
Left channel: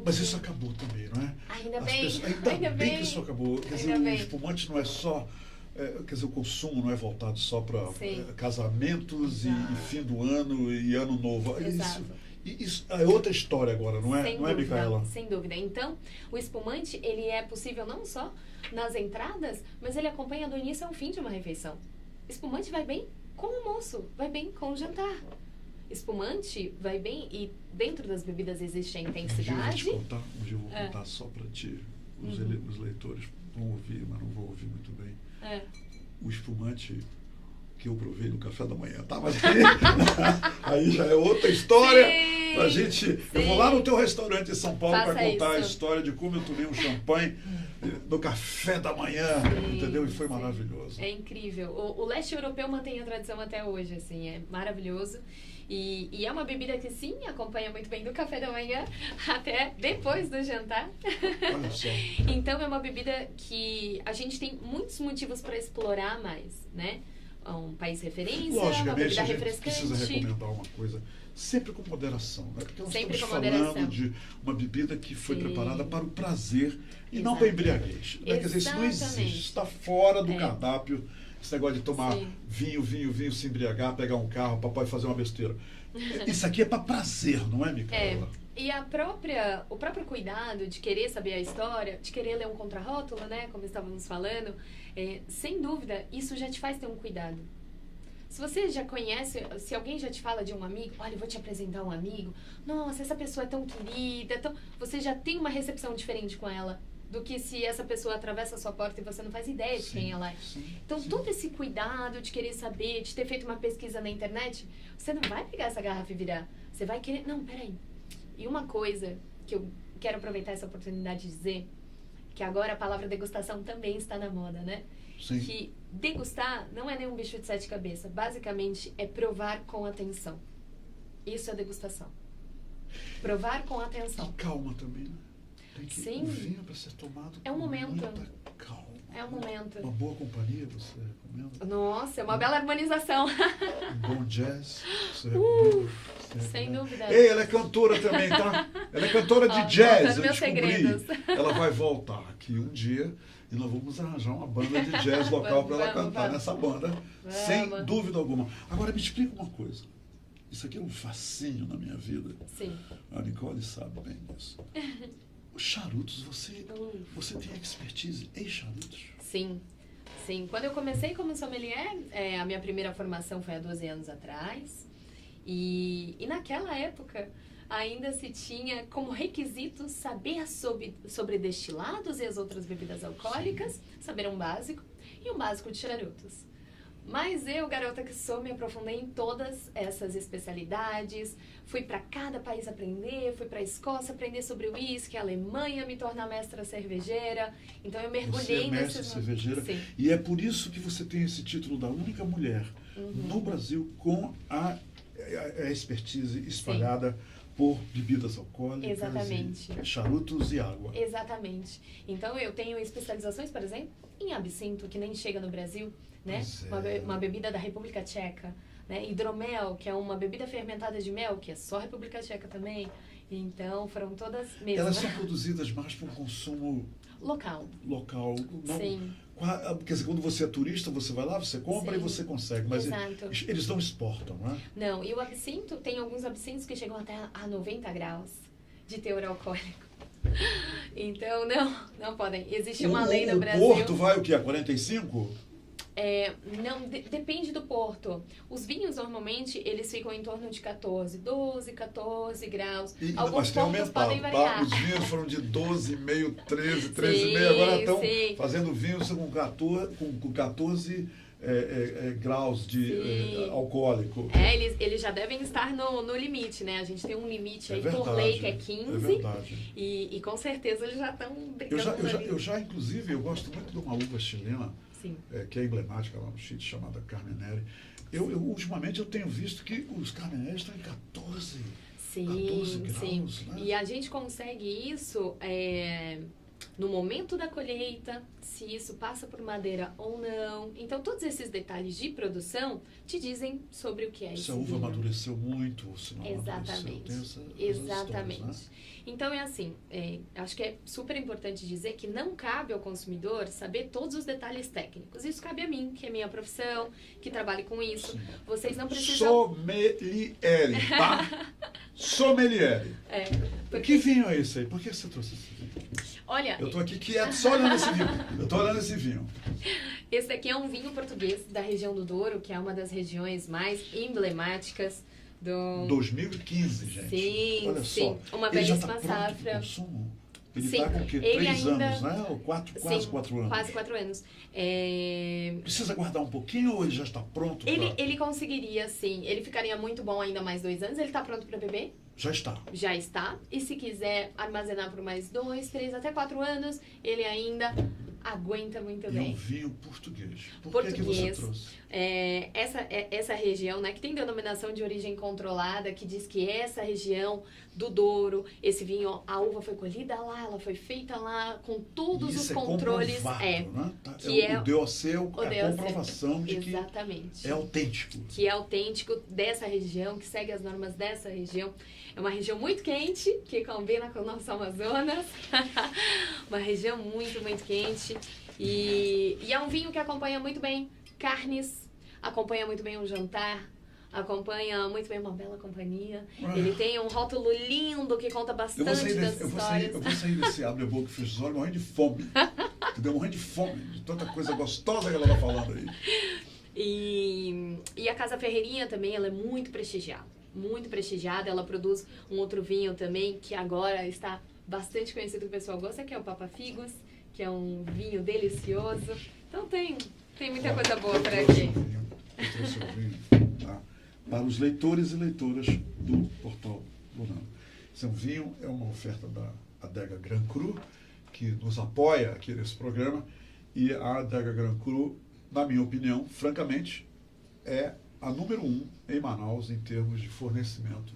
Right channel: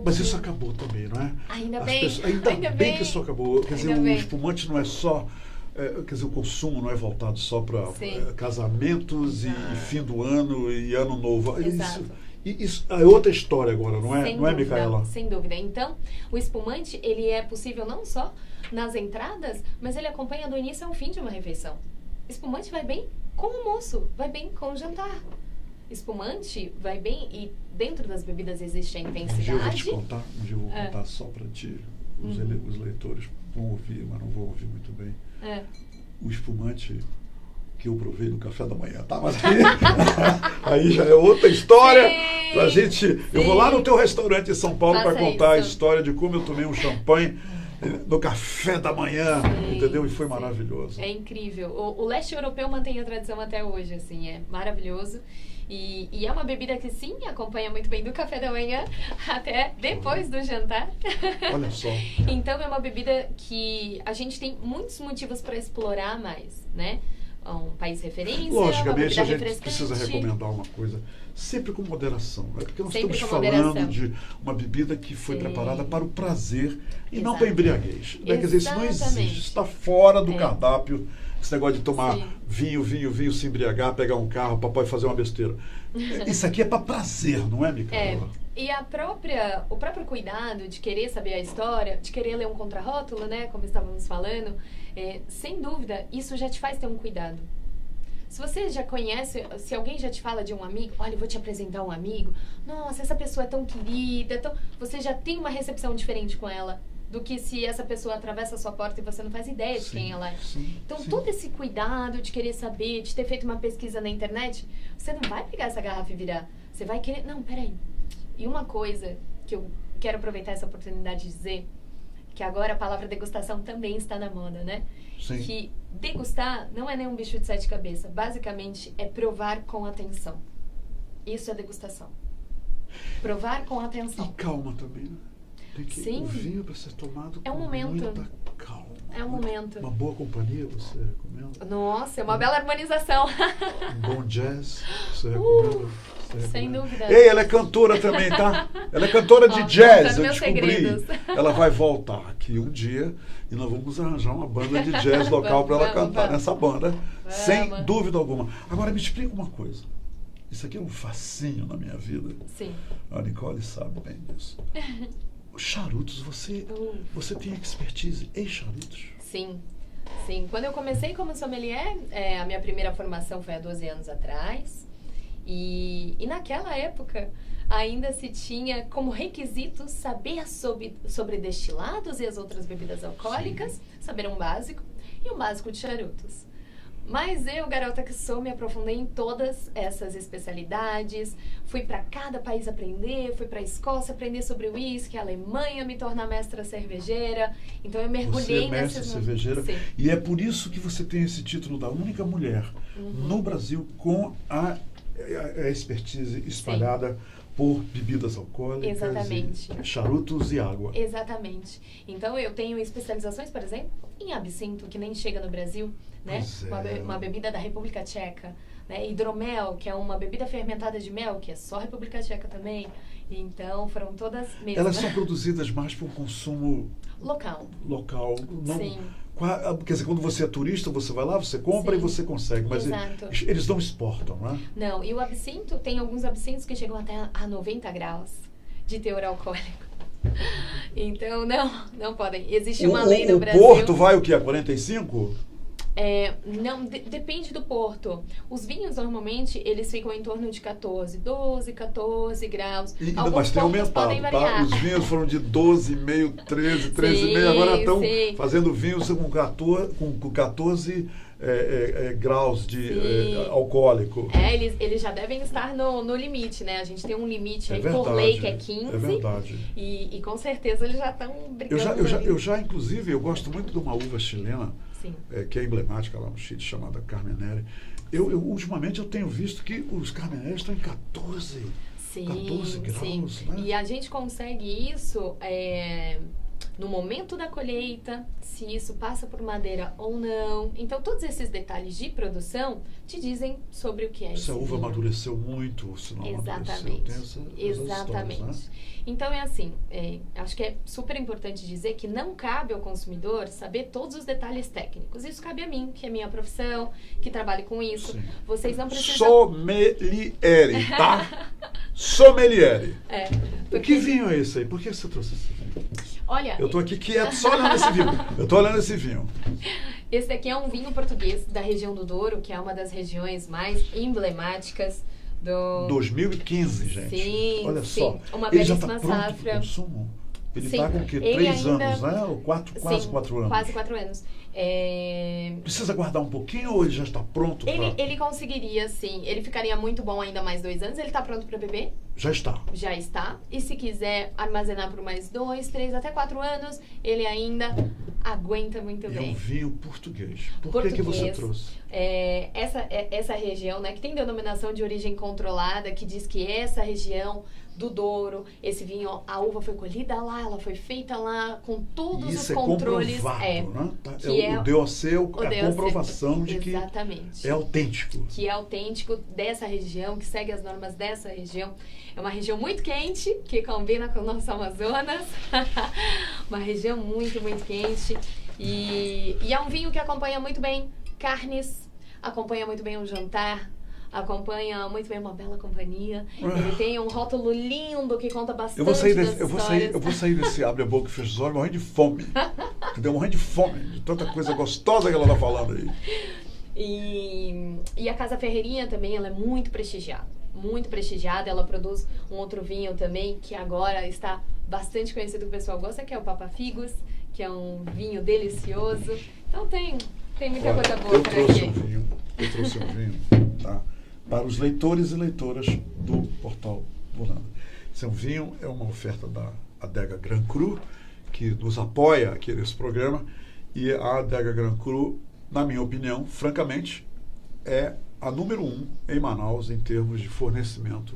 Mas que... isso acabou também, não é? Ainda As bem, pessoas- ainda bem que isso acabou. Quer dizer, Ainda o bem. espumante não é só... quer dizer, o consumo não é voltado só para Sim. casamentos e Exato. fim do ano e ano novo. Exato. Isso é outra história agora, não é? Sem Não é, dúvida, Micaela? sem dúvida. Então, o espumante, ele é possível não só nas entradas, mas ele acompanha do início ao fim de uma refeição. Espumante vai bem com o almoço, vai bem com o jantar. Espumante vai bem e dentro das bebidas existe a Um dia eu vou te intensidade. contar, só para ti. Os leitores vão ouvir, mas não vão ouvir muito bem. O espumante que eu provei no café da manhã, tá? Mas aí já é outra história. Sim, Pra gente. Eu vou lá no sim. teu restaurante em São Paulo para Faça contar a isso. história de como eu tomei um champanhe no café da manhã, Sim, entendeu? E foi sim. maravilhoso. É incrível. O leste europeu mantém a tradição até hoje, assim, é maravilhoso. E é uma bebida que, sim, acompanha muito bem do café da manhã até depois do jantar. Olha só. Então, é uma bebida que a gente tem muitos motivos para explorar mais, né? Um país referência, uma Logicamente, bebida a gente refrescante. precisa recomendar uma coisa, sempre com moderação, né? Porque nós Sempre estamos com falando moderação. de uma bebida que foi Sim. preparada para o prazer e não Exato. para a embriaguez. Né? Quer dizer, isso não existe, Exatamente. isso está fora do É. cardápio. Esse negócio de tomar Sim. vinho, se embriagar, pegar um carro, papai fazer uma besteira. Isso aqui é para prazer, não é, Micaela? E o próprio cuidado de querer saber a história, de querer ler um contrarótulo, né, como estávamos falando, sem dúvida, isso já te faz ter um cuidado. Se você já conhece, se alguém já te fala de um amigo, olha, eu vou te apresentar um amigo, nossa, essa pessoa é tão querida, você já tem uma recepção diferente com ela do que se essa pessoa atravessa a sua porta e você não faz ideia de quem ela é. Sim, Então, sim. todo esse cuidado de querer saber, de ter feito uma pesquisa na internet, você não vai pegar essa garrafa e virar. Você vai querer... Não, peraí. E uma coisa que eu quero aproveitar essa oportunidade de dizer, que agora a palavra degustação também está na moda, né? Sim. Que degustar não é nenhum bicho de sete cabeças. Basicamente, é provar com atenção. Isso é degustação. Provar com atenção. E calma também, né? Tem que, Sim. o vinho para ser tomado É um com momento. muita calma. É um momento. Uma boa companhia, você recomenda? Nossa, é uma bela harmonização. Um bom jazz, você recomenda? Você Sem recomenda? dúvida. Ei, ela é cantora também, tá? Ela é cantora de Ó, jazz, contando eu meus descobri. segredos. Ela vai voltar aqui um dia e nós vamos arranjar uma banda de jazz local para ela Vamos, cantar vamos. nessa banda, sem Vamos. dúvida alguma. Agora me explica uma coisa. Isso aqui é um fascínio na minha vida. Sim. A Nicole sabe bem disso. Os charutos, você tem expertise em charutos? Sim, sim. Quando eu comecei como sommelier, a minha primeira formação foi há 12 anos atrás. E naquela época, ainda se tinha como requisito saber sobre destilados e as outras bebidas alcoólicas, saber um básico e um básico de charutos. Mas eu, garota que sou, me aprofundei em todas essas especialidades. Fui para cada país aprender, fui para a Escócia aprender sobre uísque, Alemanha, me tornar mestra cervejeira. Então eu mergulhei Você é mestre nessas... cervejeira. Sim. E é por isso que você tem esse título da única mulher Uhum. no Brasil com a expertise espalhada por bebidas alcoólicas, Exatamente. e charutos e água. Exatamente. Então eu tenho especializações, por exemplo, em absinto, que nem chega no Brasil, né? Pois é. Uma bebida da República Tcheca, né? Hidromel, que é uma bebida fermentada de mel, que é só República Tcheca também. Então, foram todas mesmo. Elas são produzidas mais para o consumo local. Não, Sim. Quer dizer, quando você é turista, você vai lá, você compra Sim. e você consegue. Mas Exato. eles não exportam, né? Não, e o absinto, tem alguns absintos que chegam até a 90 graus de teor alcoólico. Então, não podem. Existe uma lei no Brasil... O Porto vai o quê? A 45? Não, depende do porto. Os vinhos, normalmente, eles ficam em torno de 12 graus. Mas tem portos aumentado, podem tá? variar. Os vinhos foram de 12,5, 13, 13,5. Agora estão fazendo vinhos com 14 graus de alcoólico. Eles já devem estar no limite, né? A gente tem um limite aí por verdade, lei que é 15. É verdade. E com certeza eles já estão brigando. Eu já, inclusive, eu gosto muito de uma uva chilena, que é emblemática lá no Chile, chamada Carmenere. Ultimamente eu tenho visto que os Carmeneres estão em 14 graus. Né? E a gente consegue isso no momento da colheita, se isso passa por madeira ou não. Então, todos esses detalhes de produção te dizem sobre o que é esse Se a uva vinho. amadureceu muito, se não amadureceu. Tem Exatamente. Histórias, né? Então, acho que é super importante dizer que não cabe ao consumidor saber todos os detalhes técnicos. Isso cabe a mim, que é minha profissão, que trabalho com isso. Sim. Vocês não precisam... Sommeliere, tá? Sommeliere. Porque... O que vinho é esse aí? Por que você trouxe esse vinho? Olha... Eu tô aqui quieto só olhando esse vinho. Eu tô olhando esse vinho. Esse aqui é um vinho português da região do Douro, que é uma das regiões mais emblemáticas do... 2015, gente. Sim, olha sim. só. Uma Ele já belíssima tá pronto safra. pro consumo? Ele Sim. tá com o quê? Ele 3 ainda... anos, né? Ou quase 4 anos. Quase 4 anos. Precisa guardar um pouquinho ou ele já está pronto? Ele conseguiria, sim. Ele ficaria muito bom ainda mais 2 anos. Ele está pronto para beber? Já está. Já está. E se quiser armazenar por mais 2, 3, até 4 anos, ele ainda aguenta muito bem. E um vinho português. Por que você trouxe? Essa região, né, que tem denominação de origem controlada, que diz que essa região do Douro, esse vinho, a uva foi colhida lá, ela foi feita lá, com todos os controles. Né? O DOC é a comprovação de que é autêntico. Que é autêntico dessa região, que segue as normas dessa região. É uma região muito quente, que combina com o nosso Amazonas. Uma região muito, muito quente. E é um vinho que acompanha muito bem carnes, acompanha muito bem um jantar, acompanha muito bem uma bela companhia. Ele tem um rótulo lindo que conta bastante eu vou sair desse abre a boca e fecha os olhos morrendo de fome. Entendeu? Morrendo de fome, de tanta coisa gostosa que ela tá falando aí. E a Casa Ferreirinha também, ela é muito prestigiada. Muito prestigiada. Ela produz um outro vinho também, que agora está bastante conhecido, que o pessoal gosta, que é o Papa Figos, que é um vinho delicioso. Então tem muita coisa boa por aqui. Eu trouxe um vinho, tá? Para os leitores e leitoras do Portal Burano. Esse vinho é uma oferta da Adega Grand Cru, que nos apoia aqui nesse programa. E a Adega Grand Cru, na minha opinião, francamente, é a número 1 em Manaus em termos de fornecimento,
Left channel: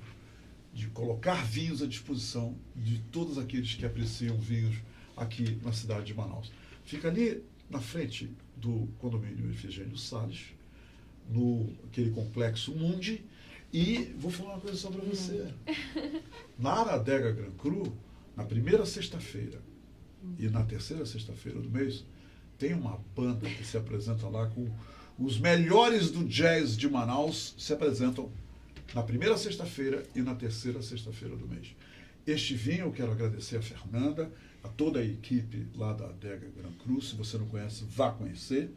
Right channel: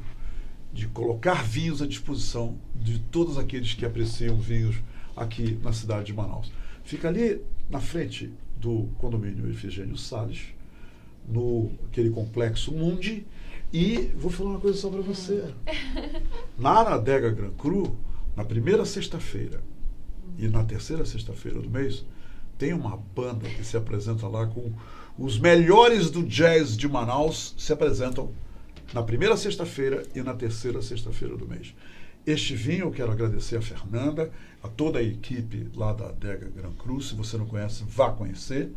de colocar vinhos à disposição de todos aqueles que apreciam vinhos aqui na cidade de Manaus. Fica ali na frente do condomínio Efigênio Salles, no aquele complexo Mundi. E vou falar uma coisa só para você. Na Adega Grand Cru, na primeira sexta-feira e na terceira sexta-feira do mês, tem uma banda que se apresenta lá com os melhores do jazz de Manaus, se apresentam na primeira sexta-feira e na terceira sexta-feira do mês. Este vinho, eu quero agradecer a Fernanda, a toda a equipe lá da Adega Grand Cru. Se você não conhece, vá conhecer.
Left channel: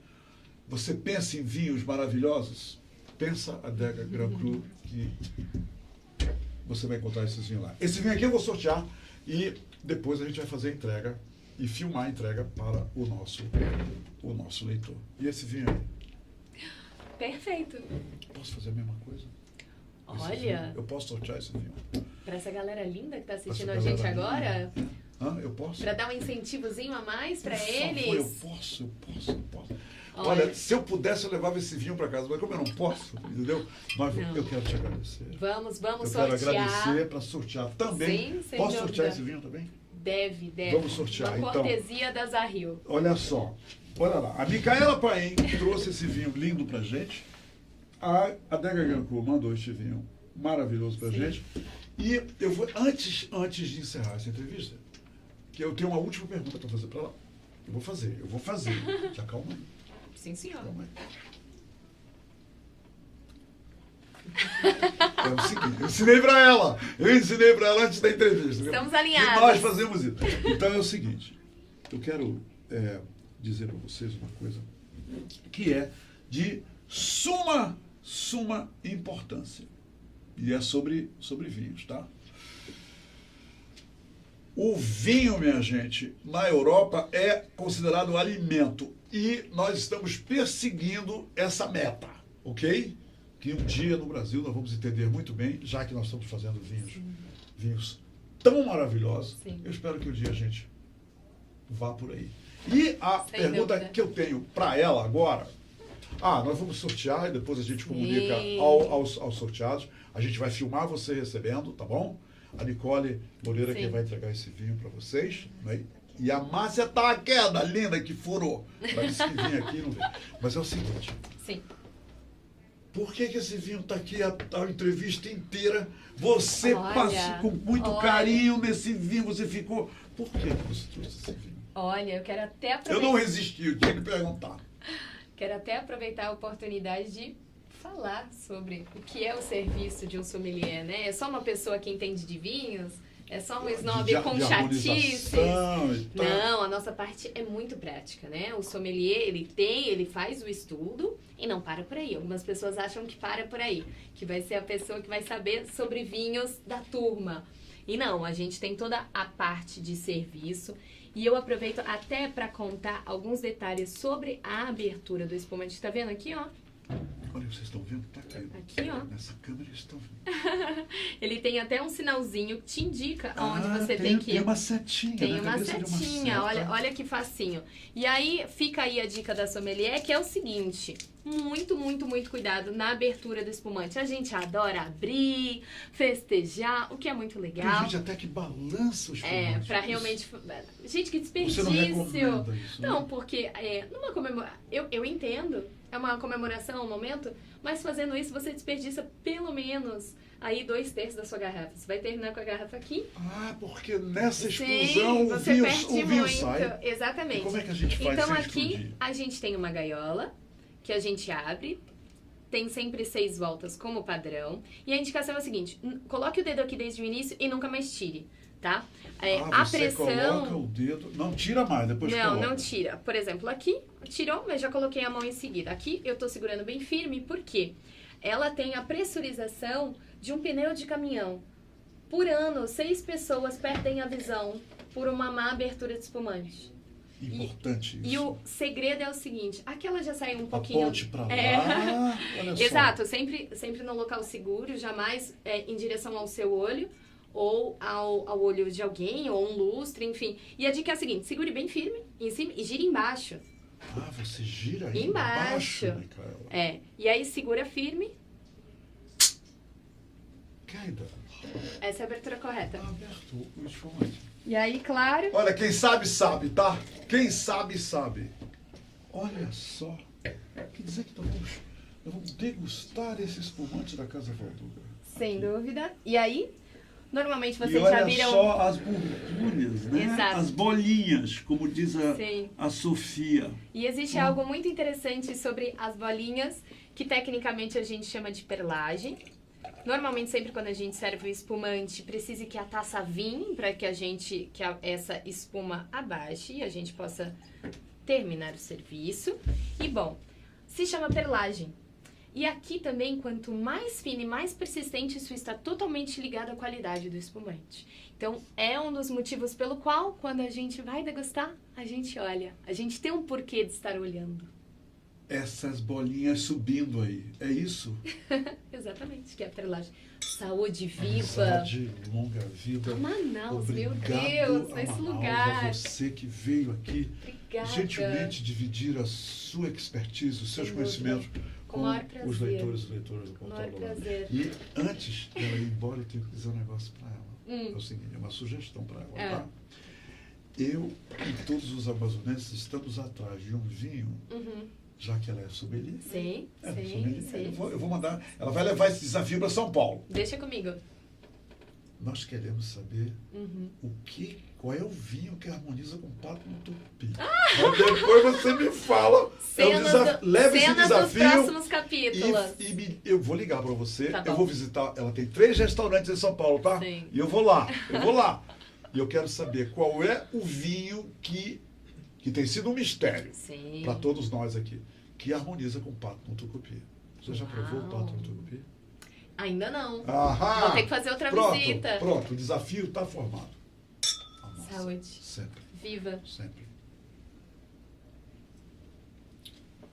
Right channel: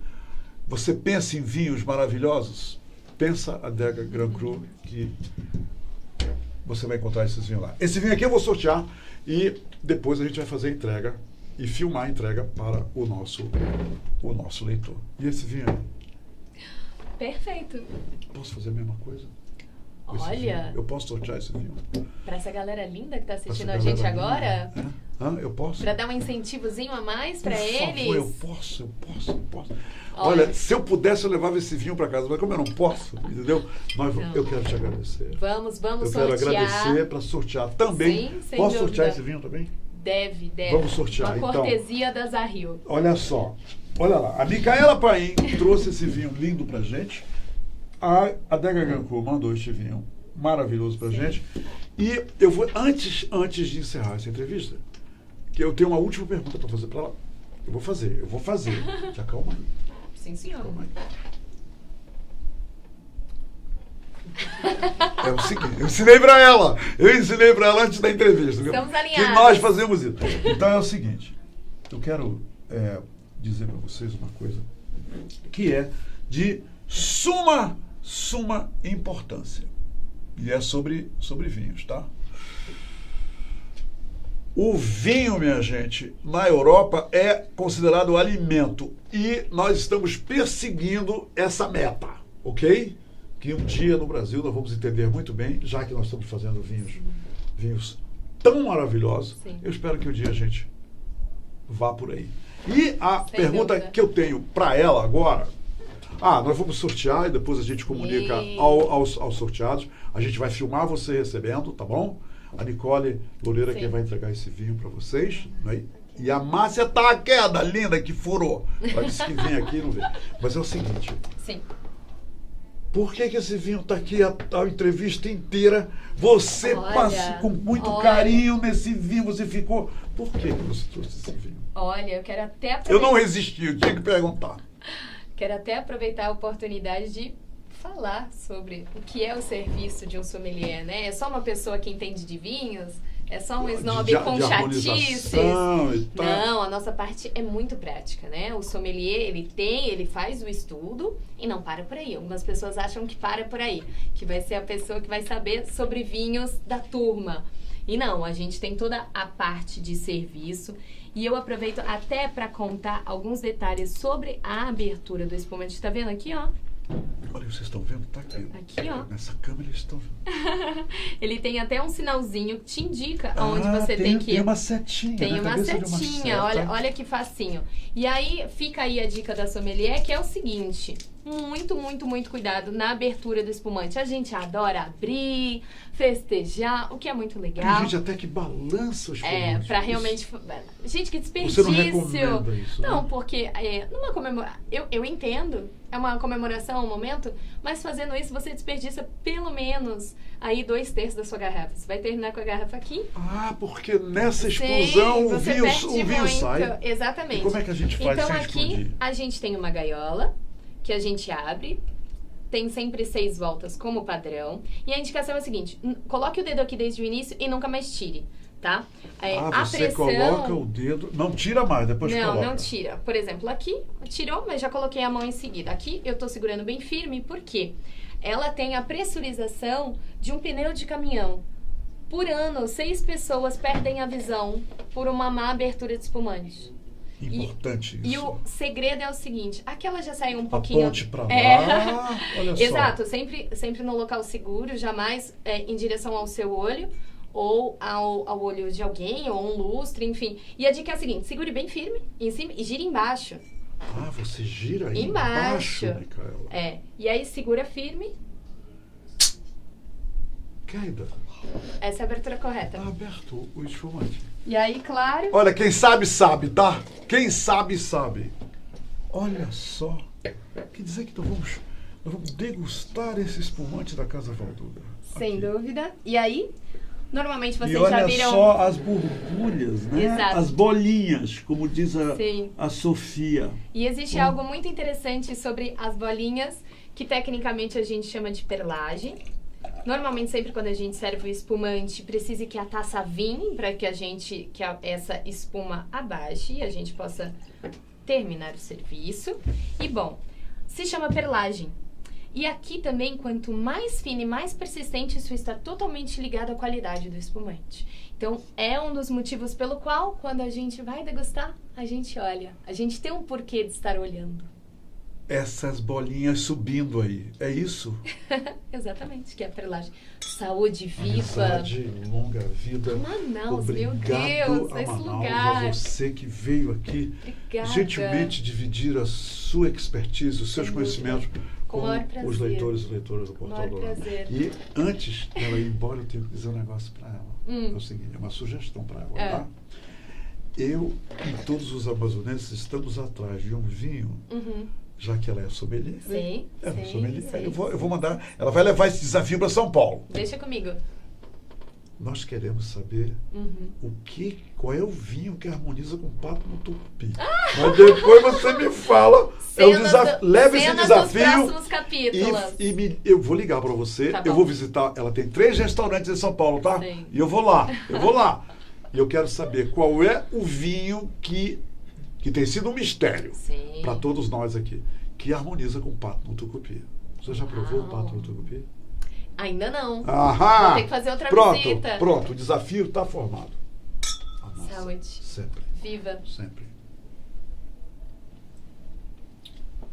Você pensa em vinhos maravilhosos? Pensa a Adega Grand Cru, que você vai encontrar esses vinhos lá. Esse vinho aqui eu vou sortear e depois a gente vai fazer a entrega e filmar a entrega para o nosso leitor. E esse vinho aí? Perfeito. Posso fazer a mesma coisa? Olha, eu posso sortear esse vinho? Para essa galera linda que está assistindo a gente agora? Eu posso? Para dar um incentivozinho a mais para eles? Por favor, eu posso. Olha, se eu pudesse, eu levava esse vinho para casa, mas como eu não posso, entendeu? Mas eu quero te agradecer. Vamos sortear. Eu quero agradecer para sortear também. Sim, sem posso dúvida. Sortear esse vinho também? Deve. Vamos sortear, uma então. cortesia da Zahil. Olha só. Olha lá. A Micaela Paim trouxe esse vinho lindo pra gente. A Adega Grand Cru mandou este vinho maravilhoso pra gente. E eu vou, antes de encerrar essa entrevista, que eu tenho uma última pergunta para fazer para ela. Eu vou fazer. Se acalma aí. Sim, senhor. Calma aí. É o seguinte, eu ensinei para ela antes da entrevista. Estamos que alinhados. nós fazemos isso. Então é o seguinte, eu quero dizer para vocês uma coisa que é de suma importância. E é sobre vinhos, tá? O vinho, minha gente, na Europa é considerado alimento e nós estamos perseguindo essa meta, ok? Que um dia no Brasil nós vamos entender muito bem, já que nós estamos fazendo vinhos tão maravilhosos. Sim. Eu espero que um dia a gente vá por aí. E a Sem pergunta dúvida. que eu tenho para ela agora, nós vamos sortear e depois a gente comunica aos sorteados. A gente vai filmar você recebendo, tá bom? A Nicole Loureira Sim. que vai entregar esse vinho para vocês, né? E a Márcia tá a queda linda que furou. Ela disse que vem aqui e não vem. Mas é o seguinte, Sim. por que esse vinho tá aqui a entrevista inteira? Você Olha, passou com muito carinho nesse vinho, você ficou... Por que você trouxe esse vinho? Olha, eu quero até aproveitar. Eu não resisti, eu tinha que perguntar. Quero até aproveitar a oportunidade de falar sobre o que é o serviço de um sommelier, né? É só uma pessoa que entende de vinhos? É só um snob com chatices? Não, a nossa parte é muito prática, né? O sommelier, ele faz o estudo e não para por aí. Algumas pessoas acham que para por aí, que vai ser a pessoa que vai saber sobre vinhos da turma. E não, a gente tem toda a parte de serviço. E eu aproveito até para contar alguns detalhes sobre a abertura do espumante. Tá vendo aqui, ó? Olha, vocês estão vendo? Tá aqui. Aqui, ó. Nessa câmera eles estão vendo. Ele tem até um sinalzinho que te indica aonde você tem que ir. Tem uma setinha. Tem na uma cabeça de setinha, seta. olha que facinho. E aí, fica aí a dica da sommelier, que é o seguinte. Muito cuidado na abertura do espumante. A gente adora abrir, festejar, o que é muito legal. Tem gente até que balança os espumantes. Pra realmente... Gente, que desperdício! Você não recomenda isso, né? Não, porque numa comemoração... Eu entendo, é uma comemoração, um momento, mas fazendo isso você desperdiça pelo menos aí 2/3 da sua garrafa. Você vai terminar com a garrafa aqui. Porque nessa explosão o você vinho muito. sai. Exatamente. E como é que a gente faz então sem aqui explodir? a gente tem uma gaiola que a gente abre, tem sempre 6 voltas como padrão. E a indicação é a seguinte, coloque o dedo aqui desde o início e nunca mais tire, tá? A Você pressão... coloca o dedo, não tira mais, depois coloca. Não tira. Por exemplo, aqui, tirou, mas já coloquei a mão em seguida. Aqui eu tô segurando bem firme, por quê? Ela tem a pressurização de um pneu de caminhão. Por ano, 6 pessoas perdem a visão por uma má abertura de espumante. Importante isso. E o segredo é o seguinte, aqui ela já saiu um pouquinho... Ponte pra lá, olha só. Exato, sempre no local seguro, jamais em direção ao seu olho ou ao olho de alguém, ou um lustre, enfim. E a dica é a seguinte, segure bem firme em cima e gira embaixo. Você gira aí Embaixo. Micaela. E aí segura firme. Queda. Essa é a abertura correta. Tá aberto o espumante. E aí, claro... Olha, quem sabe, sabe, tá? Quem sabe, sabe. Olha só. Quer dizer que nós vamos degustar esse espumante da Casa Valduda. Sem dúvida. E aí, normalmente vocês e olha já viram... só as borbulhas, né? Exato. As bolinhas, como diz Sim. a Sofia. E existe algo muito interessante sobre as bolinhas, que tecnicamente a gente chama de perlagem. Normalmente, sempre quando a gente serve o espumante, precisa que a taça vinhe para que essa espuma abaixe e a gente possa terminar o serviço. E, bom, se chama perlagem. E aqui também, quanto mais fina e mais persistente, isso está totalmente ligado à qualidade do espumante. Então, é um dos motivos pelo qual, quando a gente vai degustar, a gente olha. A gente tem um porquê de estar olhando. Essas bolinhas subindo aí, é isso? Exatamente, que é a perlagem. Saúde viva. Amizade, longa vida. Manaus, Obrigado meu Deus, a esse Manaus, lugar. a você que veio aqui Obrigada. gentilmente dividir a sua expertise, os seus Sem conhecimentos dúvida. Com o com maior prazer. os leitores e leitoras do Com o Portal maior Dourado. prazer. E antes dela ir embora, eu tenho que dizer um negócio para ela. É o seguinte, é uma sugestão para ela, tá? Eu e todos os amazonenses estamos atrás de um vinho, já que ela é sommelier. Sim, sim, Sommelier. sim. Eu vou mandar, ela vai levar esse desafio para São Paulo. Deixa comigo. nós queremos saber qual é o vinho que harmoniza com o pato no tucupi. Mas depois você me fala. Leve esse desafio. Dos próximos capítulos. Eu vou ligar para você. Tá, eu vou visitar. Ela tem 3 restaurantes em São Paulo, tá? Sim. E eu vou lá. E eu quero saber qual é o vinho que tem sido um mistério para todos nós aqui, que harmoniza com o pato no tucupi. Você já provou o pato no tucupi? Ainda não. Aham. Vou ter que fazer outra visita. Pronto, o desafio está formado. Saúde. Sempre. Viva. Sempre.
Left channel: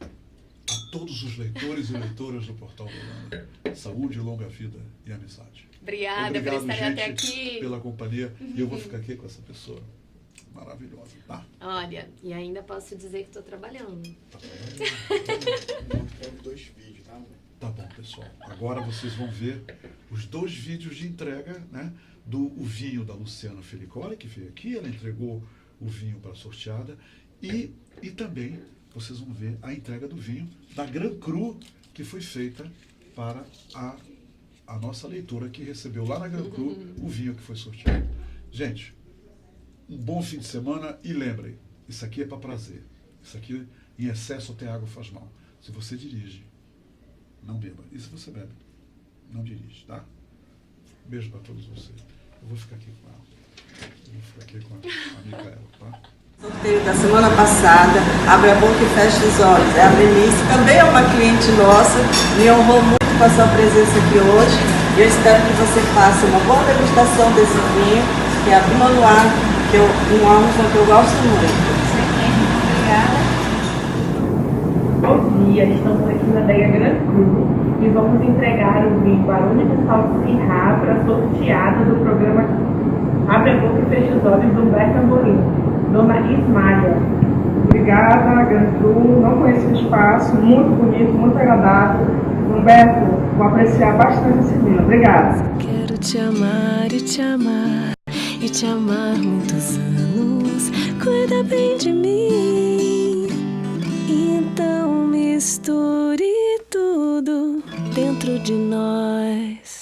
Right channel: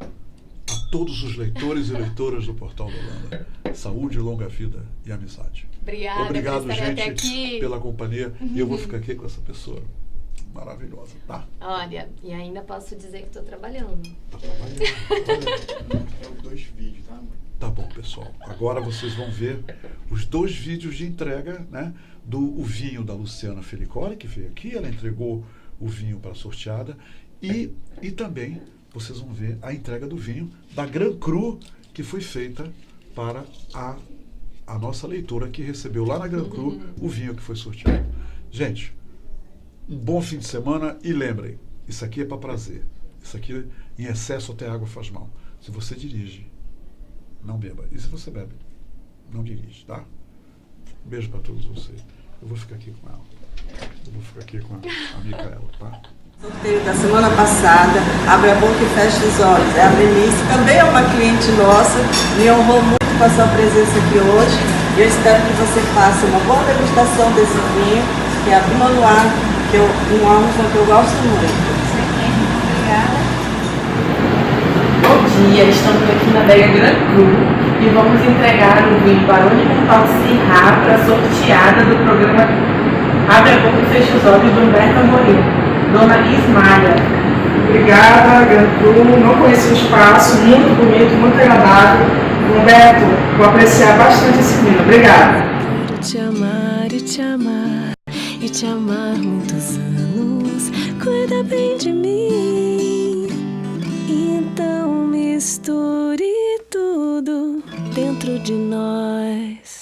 A todos os leitores e leitoras do Portal do Holanda, saúde, longa vida e amizade. Obrigado, Obrigado, gente, até aqui. pela companhia. E eu vou ficar aqui com essa pessoa maravilhosa, tá? Olha, e ainda posso dizer que estou trabalhando. Tá trabalhando. Tem 2 vídeos, tá? Tá bom, pessoal. Agora vocês vão ver os 2 vídeos de entrega, né, do vinho da Luciana Felicoli, que veio aqui. Ela entregou o vinho para a sorteada. E também vocês vão ver a entrega do vinho da Gran Cru, que foi feita para a nossa leitora, que recebeu lá na Gran Cru o vinho que foi sorteado. Gente, um bom fim de semana e lembrem, isso aqui é para prazer. Isso aqui, em excesso, até água faz mal. Se você dirige, não beba. E se você bebe, não dirige, tá? Um beijo para todos vocês. Eu vou ficar aqui com ela. Eu vou ficar aqui com a Micaela, tá? Sorteio da semana passada, abre a boca e fecha os olhos. É a Denise, também é uma cliente nossa, me honrou muito com a sua presença aqui hoje. E eu espero que você faça uma boa degustação desse vinho, que é a Pinot Noir, que é um álbum que eu gosto muito. Obrigada. Bom dia, estamos aqui na adega Gran Cru e vamos entregar o vinho Barone Mental de Syrah para a sorteada do programa Abre a Boca e Fecha os Olhos do Humberto Amorim. Dona Ismália. Obrigada, Gran Cru. Não conheci o espaço, muito bonito, muito agradável. Humberto, vou apreciar bastante esse vinho. Obrigada. Quero te amar e te amar e te amar muitos anos. Cuida bem de mim. Então misture tudo dentro de nós.